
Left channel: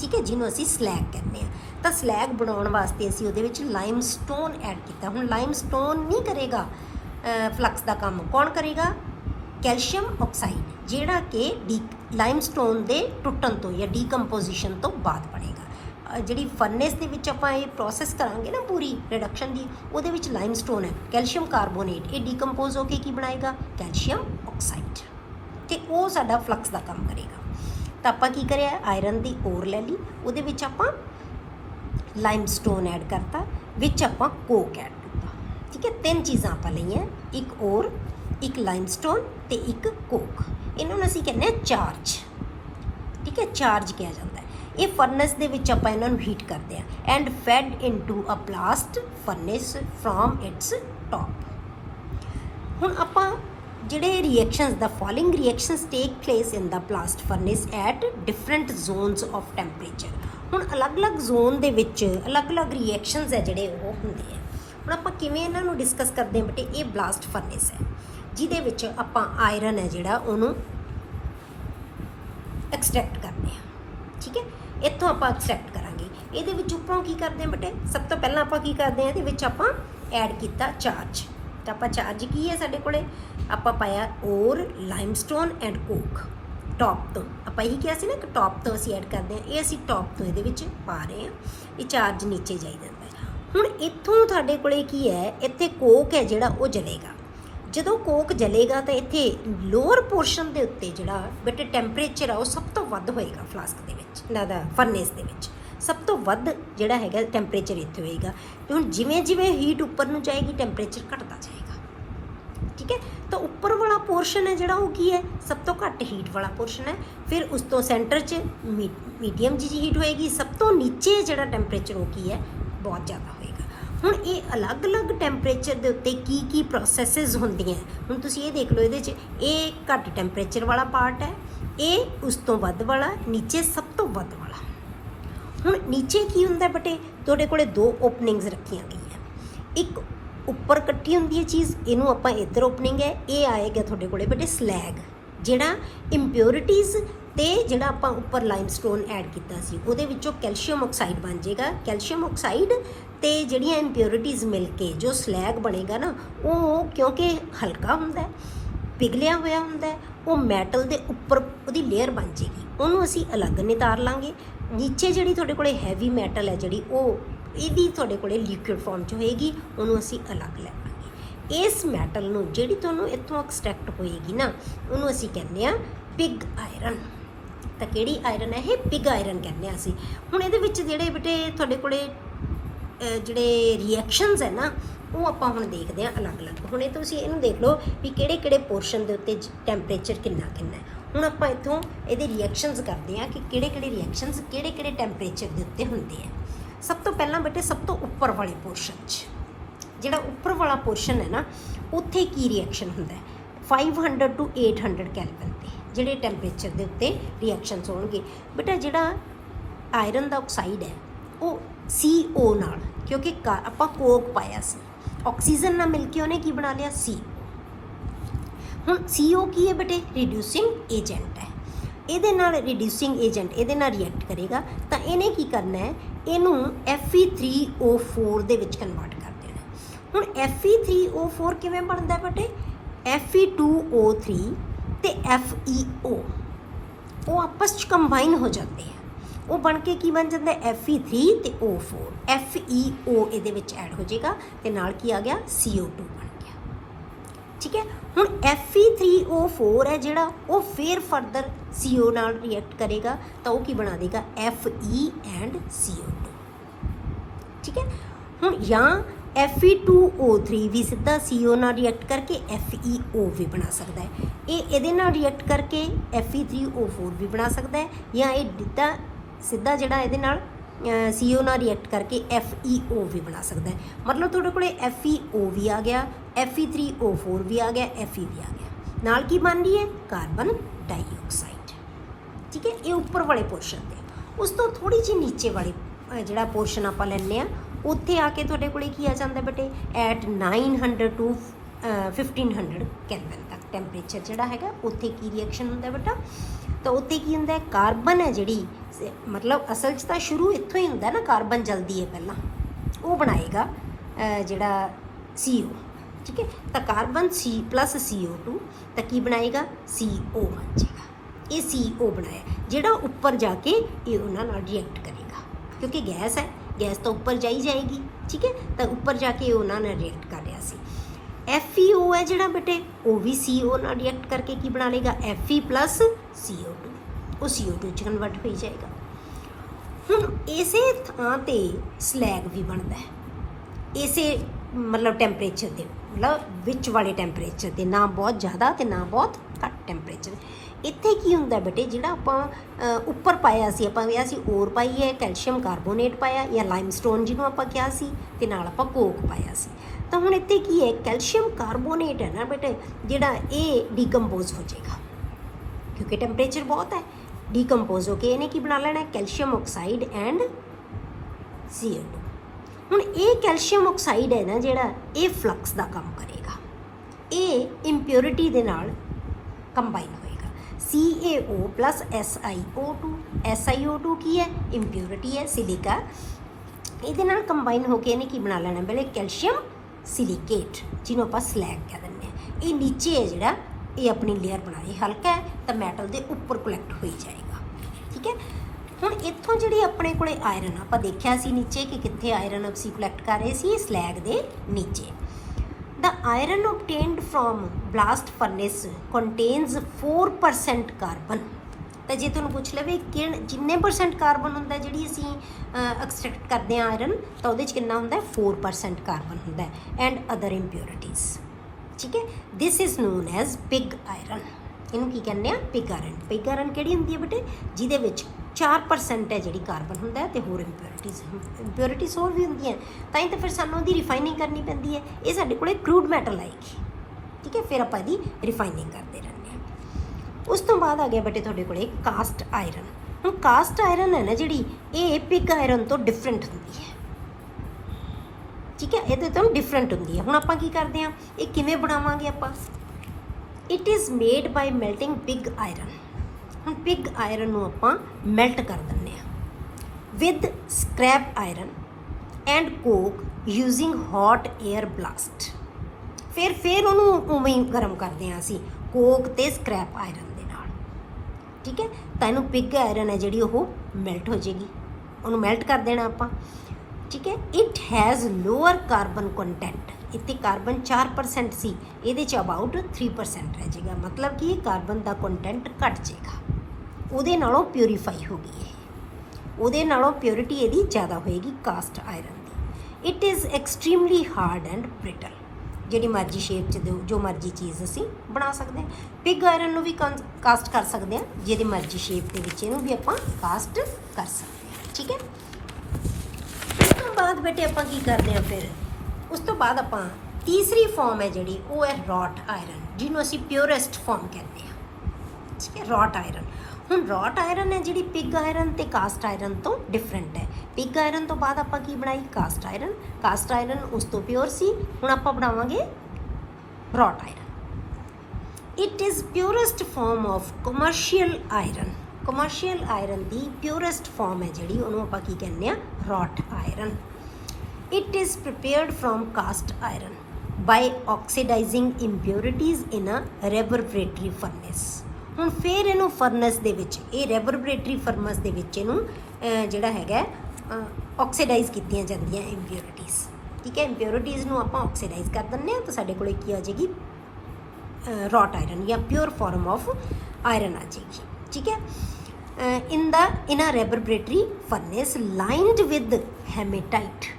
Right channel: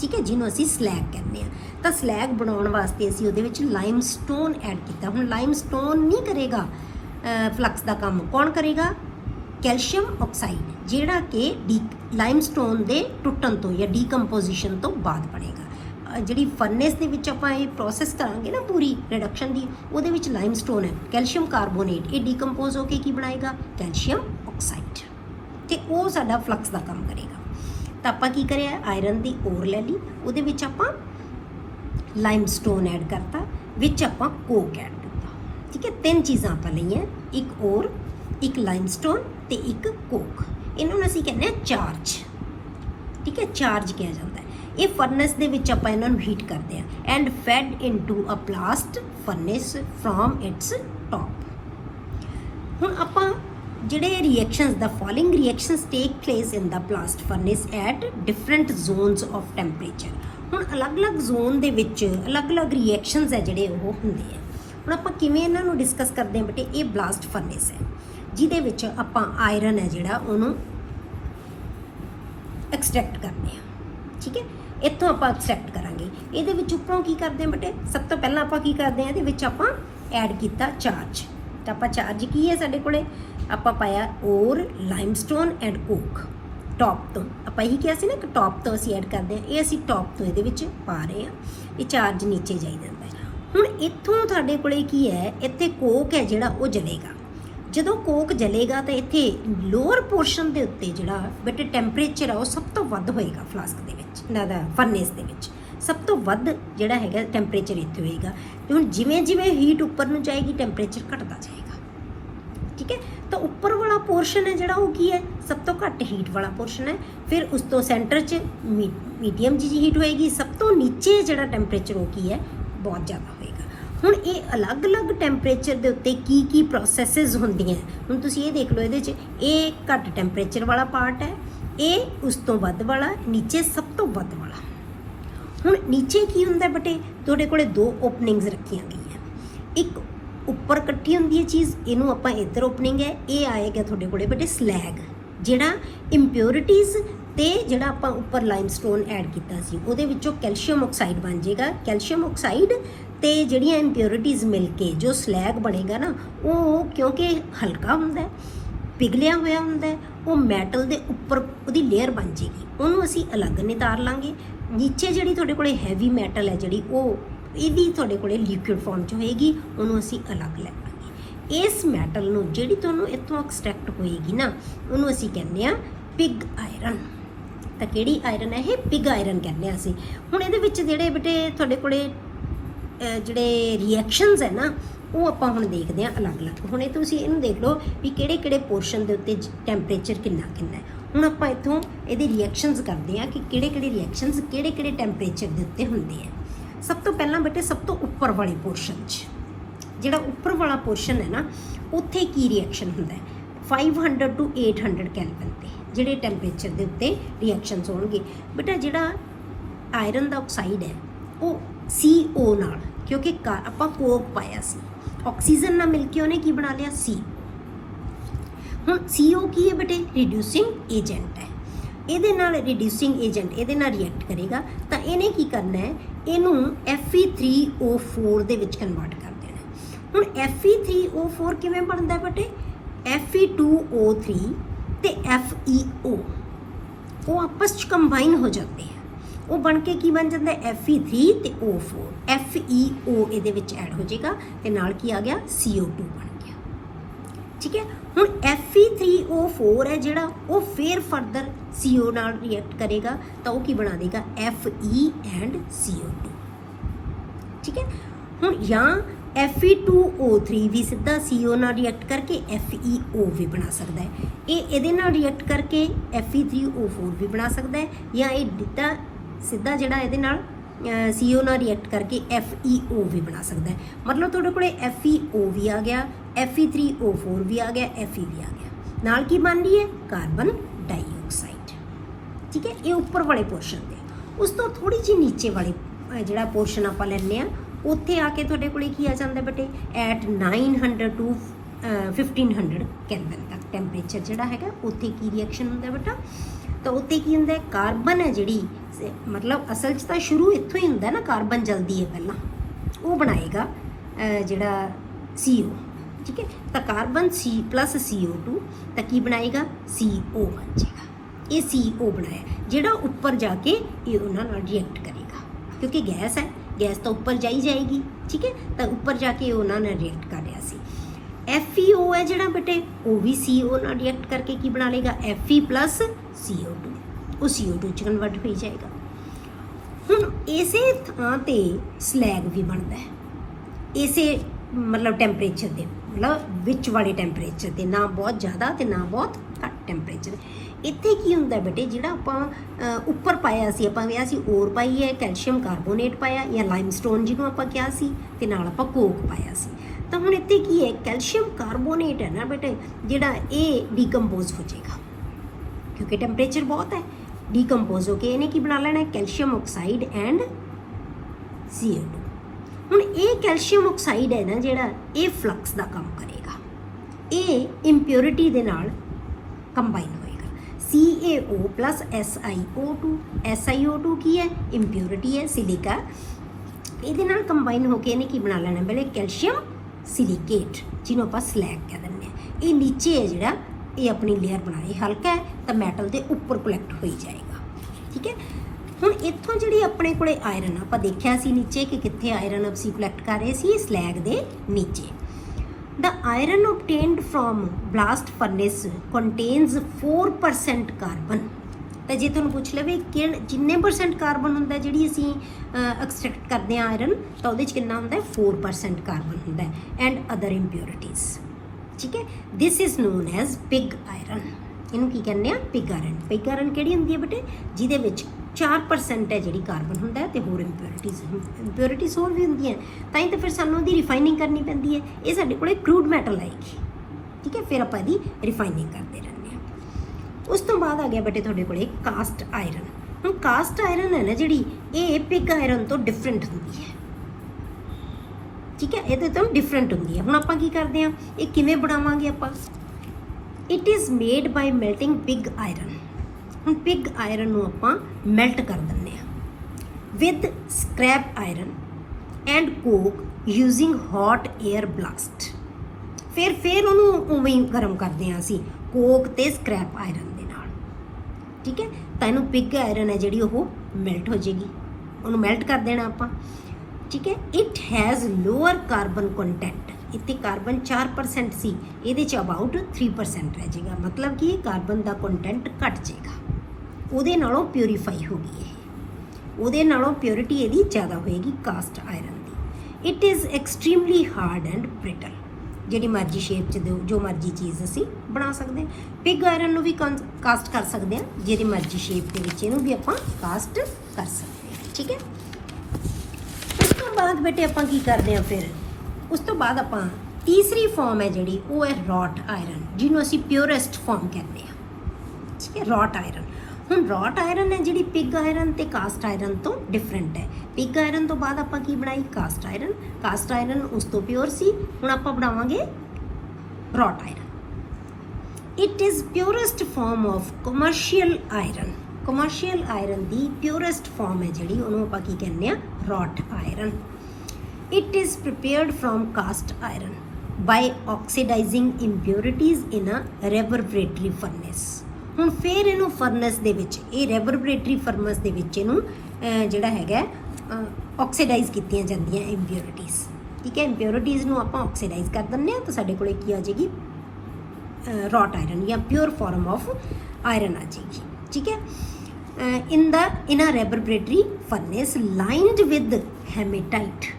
ਠੀਕ ਹੈ, ਜਿਹਨੂੰ ਅਸੀਂ ਸਲੈਗ ਕਹਿੰਦੇ ਹਾਂ। ਤਾਂ ਸਲੈਗ ਬਣਾਉਣ ਵਾਸਤੇ ਅਸੀਂ ਉਹਦੇ ਵਿੱਚ ਲਾਈਮਸਟੋਨ ਐਡ ਕੀਤਾ। ਹੁਣ ਲਾਈਮਸਟੋਨ ਨਹੀਂ ਕਰੇਗਾ ਫਲਕਸ ਦਾ ਕੰਮ, ਕੌਣ ਕਰੇਗਾ, ਕੈਲਸ਼ੀਅਮ ਆਕਸਾਈਡ, ਜਿਹੜਾ ਕਿ ਲਾਈਮਸਟੋਨ ਦੇ ਟੁੱਟਣ ਤੋਂ ਜਾਂ ਡੀਕੰਪੋਜੀਸ਼ਨ ਤੋਂ ਬਾਅਦ ਬਣੇਗਾ। ਜਿਹੜੀ ਫਰਨੇਸ ਦੇ ਵਿੱਚ ਆਪਾਂ ਇਹ ਪ੍ਰੋਸੈਸ ਕਰਾਂਗੇ ਨਾ ਪੂਰੀ ਰਿਡਕਸ਼ਨ ਦੀ, ਉਹਦੇ ਵਿੱਚ ਲਾਈਮਸਟੋਨ ਹੈ, ਕੈਲਸ਼ੀਅਮ ਕਾਰਬੋਨੇਟ, ਇਹ ਡੀਕੰਪੋਜ਼ ਹੋ ਕੇ ਕੀ ਬਣਾਏਗਾ, ਕੈਲਸ਼ੀਅਮ ਆਕਸਾਈਡ, ਤੇ ਉਹ ਸਾਡਾ ਫਲਕਸ ਦਾ ਕੰਮ ਕਰੇਗਾ। ਤਾਂ ਆਪਾਂ ਕੀ ਕਰਿਆ, ਆਇਰਨ ਦੀ ਓਰ ਲੈ ਲਈ, ਉਹਦੇ ਵਿੱਚ ਆਪਾਂ ਲਾਈਮਸਟੋਨ ਐਡ ਕਰਤਾ, ਵਿੱਚ ਆਪਾਂ ਕੋਕ ਐਡ ਕੀਤਾ। ਠੀਕ ਹੈ, 3 ਚੀਜ਼ਾਂ ਆਪਾਂ ਲਈਆਂ, ਇੱਕ ਓਰ, ਇੱਕ ਲਾਈਮਸਟੋਨ ਤੇ ਇੱਕ ਕੋਕ। ਇਹਨਾਂ ਨੂੰ ਅਸੀਂ ਕਹਿੰਦੇ ਆ ਚਾਰਜ, ਠੀਕ ਹੈ, ਚਾਰਜ ਕਿਹਾ ਜਾਂਦਾ ਹੈ। ਇਹ ਫਰਨੈਸ ਦੇ ਵਿੱਚ ਆਪਾਂ ਇਹਨਾਂ ਨੂੰ ਹੀਟ ਕਰਦੇ ਆ and fed into a blast furnace from its top. ਹੁਣ ਆਪਾਂ ਜਿਹੜੇ reactions the following reactions take place in the blast furnace at different zones of temperature. ਹੁਣ ਅਲੱਗ-ਅਲੱਗ ਜ਼ੋਨ ਦੇ ਵਿੱਚ ਅਲੱਗ-ਅਲੱਗ ਰਿਐਕਸ਼ਨਸ ਹੈ ਜਿਹੜੇ ਉਹ ਹੁੰਦੇ ਆ। ਹੁਣ ਆਪਾਂ ਕਿਵੇਂ ਇਹਨਾਂ ਨੂੰ ਡਿਸਕਸ ਕਰਦੇ ਹਾਂ ਬੇਟੇ, ਇਹ ਬਲਾਸਟ ਫਰਨੈਸ ਹੈ ਜਿਹਦੇ ਵਿੱਚ ਆਪਾਂ ਆਇਰਨ ਹੈ ਜਿਹੜਾ ਉਹਨੂੰ ਐਕਸਟ੍ਰੈਕਟ ਕਰਦੇ ਹਾਂ, ਠੀਕ ਹੈ, ਇੱਥੋਂ ਆਪਾਂ ਐਕਸਟ੍ਰੈਕਟ ਕਰਾਂਗੇ। ਇਹਦੇ ਵਿੱਚ ਉੱਪਰੋਂ ਕੀ ਕਰਦੇ ਹਾਂ ਬੇਟੇ, ਸਭ ਤੋਂ ਪਹਿਲਾਂ ਆਪਾਂ ਕੀ ਕਰਦੇ ਹਾਂ, ਇਹਦੇ ਵਿੱਚ ਆਪਾਂ ਐਡ ਕੀਤਾ ਚਾਰਜ। ਤਾਂ ਆਪਾਂ ਚਾਰਜ ਕੀ ਹੈ ਸਾਡੇ ਕੋਲੇ, ਆਪਾਂ ਪਾਇਆ ਔਰ, ਲਾਈਮਸਟੋਨ ਐਂਡ ਕੋਕ ਟੌਪ ਤੋਂ। ਆਪਾਂ ਇਹੀ ਕਿਹਾ ਸੀ ਨਾ ਕਿ ਟੌਪ ਤੋਂ ਅਸੀਂ ਐਡ ਕਰਦੇ ਹਾਂ, ਇਹ ਅਸੀਂ ਟੌਪ ਤੋਂ ਇਹਦੇ ਵਿੱਚ ਪਾ ਰਹੇ ਹਾਂ, ਇਹ ਚਾਰਜ ਨੀਚੇ ਜਾਈ ਜਾਂਦਾ ਹੈ। ਹੁਣ ਇੱਥੋਂ ਸਾਡੇ ਕੋਲੇ ਕੀ ਹੈ, ਇੱਥੇ ਕੋਕ ਹੈ ਜਿਹੜਾ ਉਹ ਜਲੇਗਾ। ਜਦੋਂ ਕੋਕ ਜਲੇਗਾ ਤਾਂ ਇੱਥੇ ਲੋਅਰ ਪੋਰਸ਼ਨ ਦੇ ਉੱਤੇ ਜਿਹੜਾ ਬੇਟੇ ਟੈਂਪਰੇਚਰ ਆ ਉਹ ਸਭ ਤੋਂ ਵੱਧ ਹੋਏਗਾ ਫਲਾਸਕ ਦੇ ਵਿੱਚ, ਇਹਨਾਂ ਦਾ ਫਰਨੇਸ ਦੇ ਵਿੱਚ ਸਭ ਤੋਂ ਵੱਧ ਜਿਹੜਾ ਹੈਗਾ ਟੈਂਪਰੇਚਰ ਇੱਥੇ ਹੋਏਗਾ। ਤੇ ਹੁਣ ਜਿਵੇਂ ਜਿਵੇਂ ਹੀਟ ਉੱਪਰ ਨੂੰ ਜਾਏਗੀ ਟੈਂਪਰੇਚਰ ਘਟਦਾ ਜਾਏਗਾ, ਠੀਕ ਹੈ। ਤਾਂ ਉੱਪਰ ਵਾਲਾ ਪੋਰਸ਼ਨ ਹੈ ਜਿਹੜਾ ਉਹ ਕੀ ਹੈ, ਸਭ ਤੋਂ ਘੱਟ ਹੀਟ ਵਾਲਾ ਪੋਰਸ਼ਨ ਹੈ। ਫਿਰ ਉਸ ਤੋਂ ਸੈਂਟਰ 'ਚ ਮੀਡੀਅਮ ਜਿਹੀ ਹੀਟ ਹੋਏਗੀ, ਸਭ ਤੋਂ ਨੀਚੇ ਜਿਹੜਾ ਟੈਂਪਰੇਚਰ ਉਹ ਕੀ ਹੈ, ਬਹੁਤ ਜ਼ਿਆਦਾ ਹੋਏਗਾ। ਹੁਣ ਇਹ ਅਲੱਗ-ਅਲੱਗ ਟੈਂਪਰੇਚਰ ਦੇ ਉੱਤੇ ਕੀ ਪ੍ਰੋਸੈਸਿਸ ਹੁੰਦੀਆਂ। ਹੁਣ ਤੁਸੀਂ ਇਹ ਦੇਖ ਲਓ, ਇਹਦੇ 'ਚ ਇਹ ਘੱਟ ਟੈਂਪਰੇਚਰ ਵਾਲਾ ਪਾਰਟ ਹੈ, ਇਹ ਉਸ ਤੋਂ ਵੱਧ ਵਾਲਾ, ਨੀਚੇ ਸਭ ਤੋਂ ਵੱਧ ਵਾਲਾ। ਹੁਣ ਨੀਚੇ ਕੀ ਹੁੰਦਾ ਬੇਟੇ, ਤੁਹਾਡੇ ਕੋਲੇ ਦੋ ਓਪਨਿੰਗਸ ਰੱਖੀਆਂ ਗਈਆਂ, ਇੱਕ ਉੱਪਰ ਇਕੱਠੀ ਹੁੰਦੀ ਹੈ ਚੀਜ਼, ਇਹਨੂੰ ਆਪਾਂ ਇੱਧਰ ਓਪਨਿੰਗ ਹੈ, ਇਹ ਆਏਗਾ ਤੁਹਾਡੇ ਕੋਲੇ ਬੇਟੇ ਸਲੈਗ, ਜਿਹੜਾ ਇੰਪਿਓਰਿਟੀਜ਼ ਤੇ ਜਿਹੜਾ ਆਪਾਂ ਉੱਪਰ ਲਾਈਮਸਟੋਨ ਐਡ ਕੀਤਾ ਸੀ ਉਹਦੇ ਵਿੱਚੋਂ ਕੈਲਸ਼ੀਅਮ ਆਕਸਾਈਡ ਬਣ ਜਾਏਗਾ। ਕੈਲਸ਼ੀਅਮ ਆਕਸਾਈਡ ਤੇ ਜਿਹੜੀਆਂ ਇੰਪਿਓਰਿਟੀਜ਼ ਮਿਲ ਕੇ ਜੋ ਸਲੈਗ ਬਣੇਗਾ ਨਾ, ਉਹ ਕਿਉਂਕਿ ਹਲਕਾ ਹੁੰਦਾ ਹੈ, ਪਿਘਲਿਆ ਹੋਇਆ ਹੁੰਦਾ ਹੈ, ਉਹ ਮੈਟਲ ਦੇ ਉੱਪਰ ਉਹਦੀ ਲੇਅਰ ਬਣ ਜਾਏਗੀ, ਉਹਨੂੰ ਅਸੀਂ ਅਲੱਗ ਨਿਤਾਰ ਲਾਂਗੇ। ਨੀਚੇ ਜਿਹੜੀ ਤੁਹਾਡੇ ਕੋਲੇ ਹੈਵੀ ਮੈਟਲ ਹੈ ਜਿਹੜੀ ਉਹ ਇਹ ਵੀ ਤੁਹਾਡੇ ਕੋਲੇ ਲਿਕੁਇਡ ਫਾਰਮ 'ਚ ਹੋਏਗੀ, ਉਹਨੂੰ ਅਸੀਂ ਅਲੱਗ ਲੈ ਲਾਂਗੇ। ਇਸ ਮੈਟਲ ਨੂੰ ਜਿਹੜੀ ਤੁਹਾਨੂੰ ਇੱਥੋਂ ਐਕਸਟ੍ਰੈਕਟ ਹੋਏਗੀ ਨਾ, ਉਹਨੂੰ ਅਸੀਂ ਕਹਿੰਦੇ ਆ ਪਿਗ ਆਇਰਨ। ਤਾਂ ਕਿਹੜੀ ਆਇਰਨ ਹੈ ਇਹ, ਪਿਗ ਆਇਰਨ ਕਹਿੰਦੇ ਆ ਅਸੀਂ। ਹੁਣ ਇਹਦੇ ਵਿੱਚ ਜਿਹੜੇ ਬੇਟੇ ਤੁਹਾਡੇ ਕੋਲੇ ਜਿਹੜੇ ਰਿਐਕਸ਼ਨਸ ਹੈ ਨਾ, ਉਹ ਆਪਾਂ ਹੁਣ ਦੇਖਦੇ ਹਾਂ ਅਲੱਗ-ਅਲੱਗ। ਹੁਣ ਇਹ ਤੁਸੀਂ ਇਹਨੂੰ ਦੇਖ ਲਓ ਵੀ ਕਿਹੜੇ ਪੋਰਸ਼ਨ ਦੇ ਉੱਤੇ ਟੈਂਪਰੇਚਰ ਕਿੰਨਾ ਹੈ। ਹੁਣ ਆਪਾਂ ਇੱਥੋਂ ਇਹਦੇ ਰਿਐਕਸ਼ਨਸ ਕਰਦੇ ਹਾਂ ਕਿ ਕਿਹੜੇ ਰਿਐਕਸ਼ਨਸ ਕਿਹੜੇ ਟੈਂਪਰੇਚਰ ਦੇ ਉੱਤੇ ਹੁੰਦੇ ਆ। ਸਭ ਤੋਂ ਪਹਿਲਾਂ ਬੇਟੇ ਸਭ ਤੋਂ ਉੱਪਰ ਵਾਲੇ ਪੋਰਸ਼ਨ 'ਚ, ਜਿਹੜਾ ਉੱਪਰ ਵਾਲਾ ਪੋਰਸ਼ਨ ਹੈ ਨਾ, ਉੱਥੇ ਕੀ ਰਿਐਕਸ਼ਨ ਹੁੰਦਾ ਹੈ, 500 to 800 ਕੈਲਵਿਨ ਤੇ ਜਿਹੜੇ ਟੈਂਪਰੇਚਰ ਦੇ ਉੱਤੇ ਰਿਐਕਸ਼ਨਸ ਹੋਣਗੇ। ਬੇਟਾ ਜਿਹੜਾ ਆਇਰਨ ਦਾ ਆਕਸਾਈਡ ਹੈ ਉਹ CO ਨਾਲ, ਕਿਉਂਕਿ ਆਪਾਂ ਕੋਕ ਪਾਇਆ ਸੀ, ਆਕਸੀਜਨ ਨਾਲ ਮਿਲ ਕੇ ਉਹਨੇ ਕੀ ਬਣਾ ਲਿਆ, C। ਹੁਣ CO ਕੀ ਹੈ ਬੇਟੇ, ਰਿਡਿਊਸਿੰਗ ਏਜੰਟ ਹੈ। ਇਹਦੇ ਨਾਲ ਰਿਡਿਊਸਿੰਗ ਏਜੰਟ ਇਹਦੇ ਨਾਲ ਰਿਐਕਟ ਕਰੇਗਾ ਤਾਂ ਇਹਨੇ ਕੀ ਕਰਨਾ ਹੈ, ਇਹਨੂੰ Fe3O4 ਦੇ ਵਿੱਚ ਕਨਵਰਟ ਕਰ ਦੇਣਾ। ਹੁਣ Fe3O4 ਕਿਵੇਂ ਬਣਦਾ ਬੇਟੇ, Fe2O3 ਤੇ FeO ਉਹ ਆਪਸ 'ਚ ਕੰਬਾਈਨ ਹੋ ਜਾਂਦੇ ਆ, ਉਹ ਬਣ ਕੇ ਕੀ ਬਣ ਜਾਂਦਾ, Fe3 ਤੇ O4, FeO ਇਹਦੇ ਵਿੱਚ ਐਡ ਹੋ ਜਾਏਗਾ ਤੇ ਨਾਲ ਕੀ ਆ ਗਿਆ, CO2 ਬਣ ਗਿਆ, ਠੀਕ ਹੈ। ਹੁਣ Fe3O4 ਹੈ ਜਿਹੜਾ ਉਹ ਫੇਰ ਫਰਦਰ CO ਨਾਲ ਰਿਐਕਟ ਕਰੇਗਾ ਤਾਂ ਉਹ ਕੀ ਬਣਾ ਦੇਗਾ, Fe ਐਂਡ CO2, ਠੀਕ ਹੈ। ਹੁਣ ਜਾਂ Fe2O3 ਵੀ ਸਿੱਧਾ CO ਨਾਲ ਰਿਐਕਟ ਕਰਕੇ FeO ਵੀ ਬਣਾ ਸਕਦਾ ਹੈ, ਇਹ ਇਹਦੇ ਨਾਲ ਰਿਐਕਟ ਕਰਕੇ Fe3O4 ਵੀ ਬਣਾ ਸਕਦਾ ਹੈ, ਜਾਂ ਇਹ ਸਿੱਧਾ ਜਿਹੜਾ ਇਹਦੇ ਨਾਲ CO ਨਾਲ ਰਿਐਕਟ ਕਰਕੇ FeO ਵੀ ਬਣਾ ਸਕਦਾ ਹੈ। ਮਤਲਬ ਤੁਹਾਡੇ ਕੋਲੇ FeO ਵੀ ਆ ਗਿਆ, Fe3O4 ਵੀ ਆ ਗਿਆ, Fe ਵੀ ਆ ਗਿਆ, ਨਾਲ ਕੀ ਬਣ ਰਹੀ ਹੈ, ਕਾਰਬਨ ਡਾਈਆਕਸਾਈਡ, ਠੀਕ ਹੈ। ਇਹ ਉੱਪਰ ਵਾਲੇ ਪੋਰਸ਼ਨ ਤੇ। ਉਸ ਤੋਂ ਥੋੜੀ ਜਿਹੀ ਨੀਚੇ ਵਾਲੀ ਜਿਹੜਾ ਪੋਰਸ਼ਨ ਆਪਾਂ ਲੈਂਦੇ ਆ, ਉੱਥੇ ਆ ਕੇ ਤੁਹਾਡੇ ਕੋਲੇ ਕੀ ਆ ਜਾਂਦਾ ਬੇਟੇ, ਐਟ 900 to 1500 ਕੈਲਵਿਨ ਤੱਕ ਟੈਂਪਰੇਚਰ ਜਿਹੜਾ ਹੈਗਾ, ਉੱਥੇ ਕੀ ਰਿਐਕਸ਼ਨ ਹੁੰਦਾ ਬੇਟਾ, ਤਾਂ ਉੱਥੇ ਕੀ ਹੁੰਦਾ, ਕਾਰਬਨ ਹੈ ਜਿਹੜੀ, ਮਤਲਬ ਅਸਲ 'ਚ ਤਾਂ ਸ਼ੁਰੂ ਇੱਥੋਂ ਹੀ ਹੁੰਦਾ ਨਾ, ਕਾਰਬਨ ਜਲਦੀ ਹੈ ਪਹਿਲਾਂ, ਉਹ ਬਣਾਏਗਾ ਜਿਹੜਾ CO, ਠੀਕ ਹੈ। ਤਾਂ ਕਾਰਬਨ C plus CO2 ਤਾਂ ਕੀ ਬਣਾਏਗਾ, CO ਬਣ ਜਾਏਗਾ। ਇਹ CO ਬਣਾਇਆ ਜਿਹੜਾ ਉੱਪਰ ਜਾ ਕੇ ਇਹ ਉਹਨਾਂ ਨਾਲ ਰਿਐਕਟ ਕਰੇਗਾ, ਕਿਉਂਕਿ ਗੈਸ ਹੈ, ਗੈਸ ਤਾਂ ਉੱਪਰ ਜਾਈ ਜਾਏਗੀ, ਠੀਕ ਹੈ। ਤਾਂ ਉੱਪਰ ਜਾ ਕੇ ਉਹਨਾਂ ਨਾਲ ਰਿਐਕਟ ਕਰ ਰਿਹਾ ਸੀ। FeO ਹੈ ਜਿਹੜਾ ਬੇਟੇ, ਉਹ ਵੀ CO ਨਾਲ ਰਿਐਕਟ ਕਰਕੇ ਕੀ ਬਣਾ ਲੇਗਾ, Fe plus CO2, ਉਹ CO2 'ਚ ਕਨਵਰਟ ਹੋ ਜਾਏਗਾ। ਹੁਣ ਇਸੇ ਥਾਂ ਤੇ ਸਲੈਗ ਵੀ ਬਣਦਾ ਹੈ, ਇਸੇ ਮਤਲਬ ਟੈਂਪਰੇਚਰ ਦੇ मतलब विच वाले टैंपरेचर ते, ना बहुत ज़्यादा ते ना बहुत घट टैंपरेचर। इत्थे की हुंदा बेटे, जिहड़ा आपां उप्पर पाया सी, आपां किहा सी ओर पाई है, कैल्शियम कार्बोनेट पाया या लाइमस्टोन जिहनूं आपां किहा सी, ते नाल आपां कोक पाया सी। तो हुण इत्थे की है, कैल्शियम कार्बोनेट है ना बेटे, जिहड़ा ये डीकंपोज हो जाएगा क्योंकि टैंपरेचर बहुत है। डीकंपोज होके इहने की बना लेना, कैल्शियम ऑक्साइड एंड CaO। हुण ये कैल्शियम ऑक्साइड है ना जिहड़ा, ये फ्लक्स का काम करेगा, ये इंप्योरिटी दे नाल कंबाइन होएगा। CaO प्लस SiO2, SiO2 की है, इंप्योरिटी है, सिलिका, ये नाल कंबाइन होके इहने की बना लेना पहले कैल्शियम सिलिकेट, जिन्हों आप स्लैग कह देंगे। ये नीचे है जिहड़ा, ये अपनी लेयर बनाई, हल्का है तो मैटल के उपर कलैक्ट हो जाएगा, ठीक है। हुण इत्थों जिहड़ी अपने कोले आयरन, आपां देखिया सी नीचे कि कित्थे आयरन असीं कलैक्ट कर रहे सी, स्लैग दे नीचे। The iron obtained from blast furnace contains 4% carbon. तो जे तुहानूं पुछ लवे कि जिन्ने % कार्बन हुंदा जिहड़ी असीं एक्सट्रैक्ट करते हैं आयरन, तो उहदे च कितना हुंदा है, 4% कार्बन हुंदा है एंड अदर इंप्योरिटीज़, ठीक है। This is known as pig iron. इहनूं की कहने आ, पिग आयरन। पिग आयरन किहड़ी हुंदी है बेटे, जिहदे विच 4% है जिहड़ी कार्बन हुंदा है, ते होर इंप्योरिटीज़ होर भी हुंदियां, तां ही तो फिर सानूं इहदी रिफाइनिंग करनी पैंदी है। ये साडे कोले क्रूड मैटल आएगी, ठीक है, फिर आपां इहदी रिफाइनिंग करते रहंदे हां। उस तो बाद आ गया बेटे तुहाडे कोले कास्ट आयरन। हुण कास्ट आयरन है ना जिहड़ी, ये पिग आयरन तो डिफरेंट हुंदी है, ठीक है, ये तो डिफरेंट होंगी है। हुण आपां की करते हैं, ये किवें बनावांगे आपां, it is made by melting pig iron. हुण पिग आयरन नूं आपां मेल्ट कर दिंदे आ with scrap iron and coke using hot air blast. फिर उहनूं उवें ही गर्म करते हैं असीं कोक ते स्क्रैप आयरन दे नाल, ठीक है। तां इहनूं पिग आयरन है जिहड़ी ओह मेल्ट हो जाएगी, उहनूं मेल्ट कर देना आपां, ठीक है। It has lower carbon content. इतने कार्बन 4% सी, ये अबाउट 3% रह जाएगा, मतलब कि कार्बन का कंटेंट घट जाएगा, उहदे नालों प्यूरीफाई हो गई, उहदे नालों प्योरिटी यदि ज़्यादा होएगी कास्ट आयरन की। It is extremely hard and brittle. जिहड़ी मर्जी शेप च दो, जो मर्जी चीज़ असीं बना सकते हैं। पिग आयरन नूं भी कास्ट कर सकते हैं, जिहड़ी मर्जी शेप के विच इहनूं भी आपां कास्ट कर सकते हैं, ठीक है। बाद बेटे आपां की करते हैं, फिर उस तो बाद आपां तीसरी फॉर्म है जिहड़ी, वो है रॉट आयरन, जिन्हों असीं प्योरेस्ट फॉर्म कहते हैं, ठीक है, रॉट आयरन। हुण रॉट आयरन है जिहड़ी पिग आयरन ते कास्ट आयरन तो डिफरेंट है। पिग आयरन तो बाद आपां की बनाई कास्ट आयरन, कास्ट आयरन उस तो प्योर सी, हुण आपां बनावांगे wrought iron. It is purest form of commercial iron. Commercial iron की प्योरेस्ट फॉर्म है जिहड़ी, उहनूं आपां की कहने आ, wrought iron. It is prepared from cast iron by oxidising impurities in a reverberatory furnace. हुण फिर इहनूं फर्नेस दे विच, ये रेवरबरेटरी फर्नेस दे विच इहनूं जिहड़ा हैगा ऑक्सीडाइज कीतियां जांदियां इंप्योरिटीज़, ठीक है। इंप्योरिटीज़ नूं आपां ऑक्सीडाइज कर दिंदे हां, तो साडे कोले की आ जाएगी, रॉट आयरन या प्योर फॉर्म ऑफ आयरन आ जाएगी, ठीक है। इन a reverberatory furnace लाइनड with haematite,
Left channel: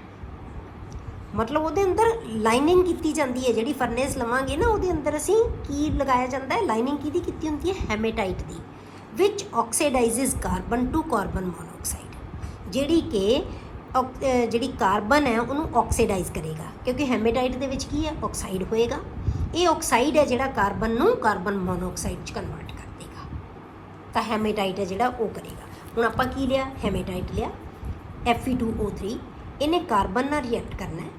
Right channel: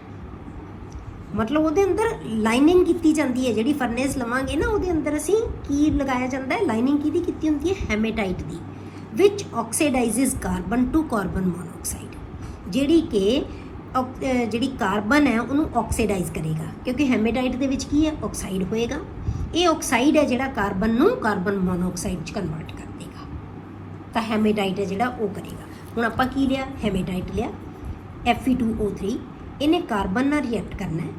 मतलब वो अंदर लाइनिंग की जाती है। जी फर्नेस लवांगे ना, वो अंदर असी की लगाया जाता है, लाइनिंग की होती है हेमेटाइट की, विच ऑक्सीडाइजिज कार्बन टू कार्बन मोनोऑक्साइड, जी कि जी कार्बन है उन्होंने ऑक्सीडाइज करेगा, क्योंकि हेमेटाइट के की है ऑक्साइड होएगा। ये ऑक्साइड है जोड़ा कार्बन नू कार्बन मोनोऑक्साइड कन्वर्ट कर देगा, तो हेमेटाइट है जोड़ा वो करेगा। हुण आपां की लिया, हेमेटाइट लिया, Fe2O3, इन्हें कार्बन नाल रिएक्ट करना है,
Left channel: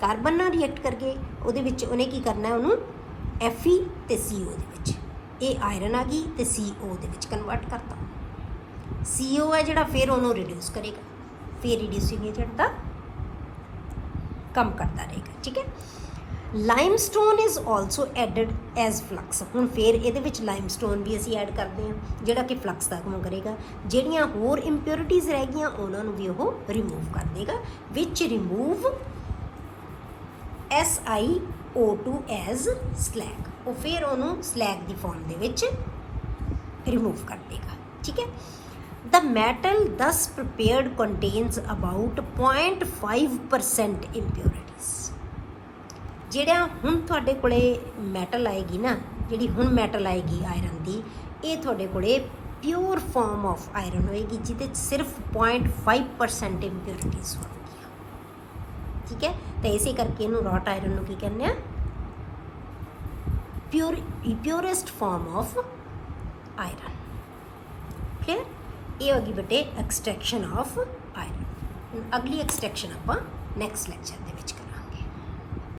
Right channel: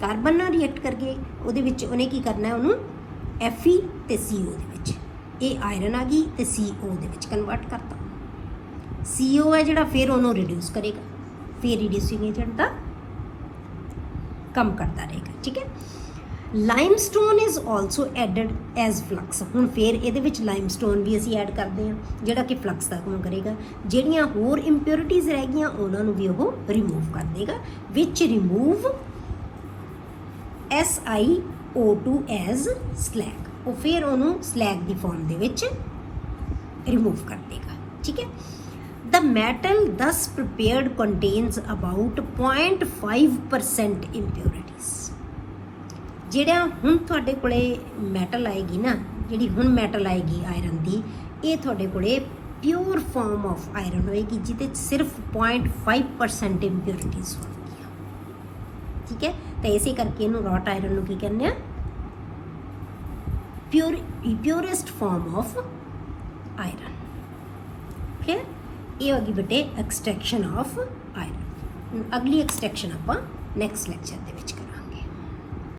कार्बन नाल रिएक्ट करके उहदे विच उन्हें की करना है, उन्होंने Fe ते CO दे विच, ये आयरन आ गई तो CO दे विच कन्वर्ट करता, CO है जोड़ा फिर उन्होंने रिड्यूस करेगा, फिर रिड्यूसिंग एजेंट का कम करता रहेगा, ठीक है। Limestone is also added as flux. हुण फिर ये लाइमस्टोन भी असी ऐड करते हैं, जोड़ा कि फ्लक्स का काम करेगा, ਜਿਹੜੀਆਂ होर इंप्योरिटीज़ रह गई उन्होंने भी वो रिमूव कर देगा, विच रिमूव SiO2 एज स्लैग, वो फिर उन्होंने स्लैग की फॉर्म के विच रिमूव कर देगा, ठीक है। द मैटल दस प्रिपेयर्ड कंटेन्स अबाउट 0.5% इंप्योरिटीज़। ਜਿਹੜਾ ਹੁਣ ਤੁਹਾਡੇ ਕੋਲੇ ਮੈਟਲ ਆਏਗੀ ਨਾ, ਜਿਹੜੀ ਹੁਣ ਮੈਟਲ ਆਏਗੀ ਆਇਰਨ ਦੀ, ਇਹ ਤੁਹਾਡੇ ਕੋਲੇ ਪਿਓਰ ਫਾਰਮ ਆਫ ਆਇਰਨ ਹੋਏਗੀ, ਜਿਹਦੇ 'ਚ ਸਿਰਫ 0.5% ਇੰਪਿਉਰਿਟੀਜ਼ ਹੋਣਗੀਆਂ। ਠੀਕ ਹੈ, ਤਾਂ ਇਸੇ ਕਰਕੇ ਇਹਨੂੰ ਰੌਟ ਆਇਰਨ ਨੂੰ ਕੀ ਕਹਿੰਦੇ ਆ? ਪਿਓਰੈਸਟ ਫਾਰਮ ਆਫ ਆਇਰਨ। ਓਕੇ, ਇਹ ਹੋਗੀ ਬੇਟੇ ਐਕਸਟ੍ਰੈਕਸ਼ਨ ਆਫ ਆਇਰਨ। ਅਗਲੀ ਐਕਸਟ੍ਰੈਕਸ਼ਨ ਆਪਾਂ ਨੈਕਸਟ ਲੈਕਚਰ ਦੇ ਵਿੱਚ ਕਰਾਂਗੇ।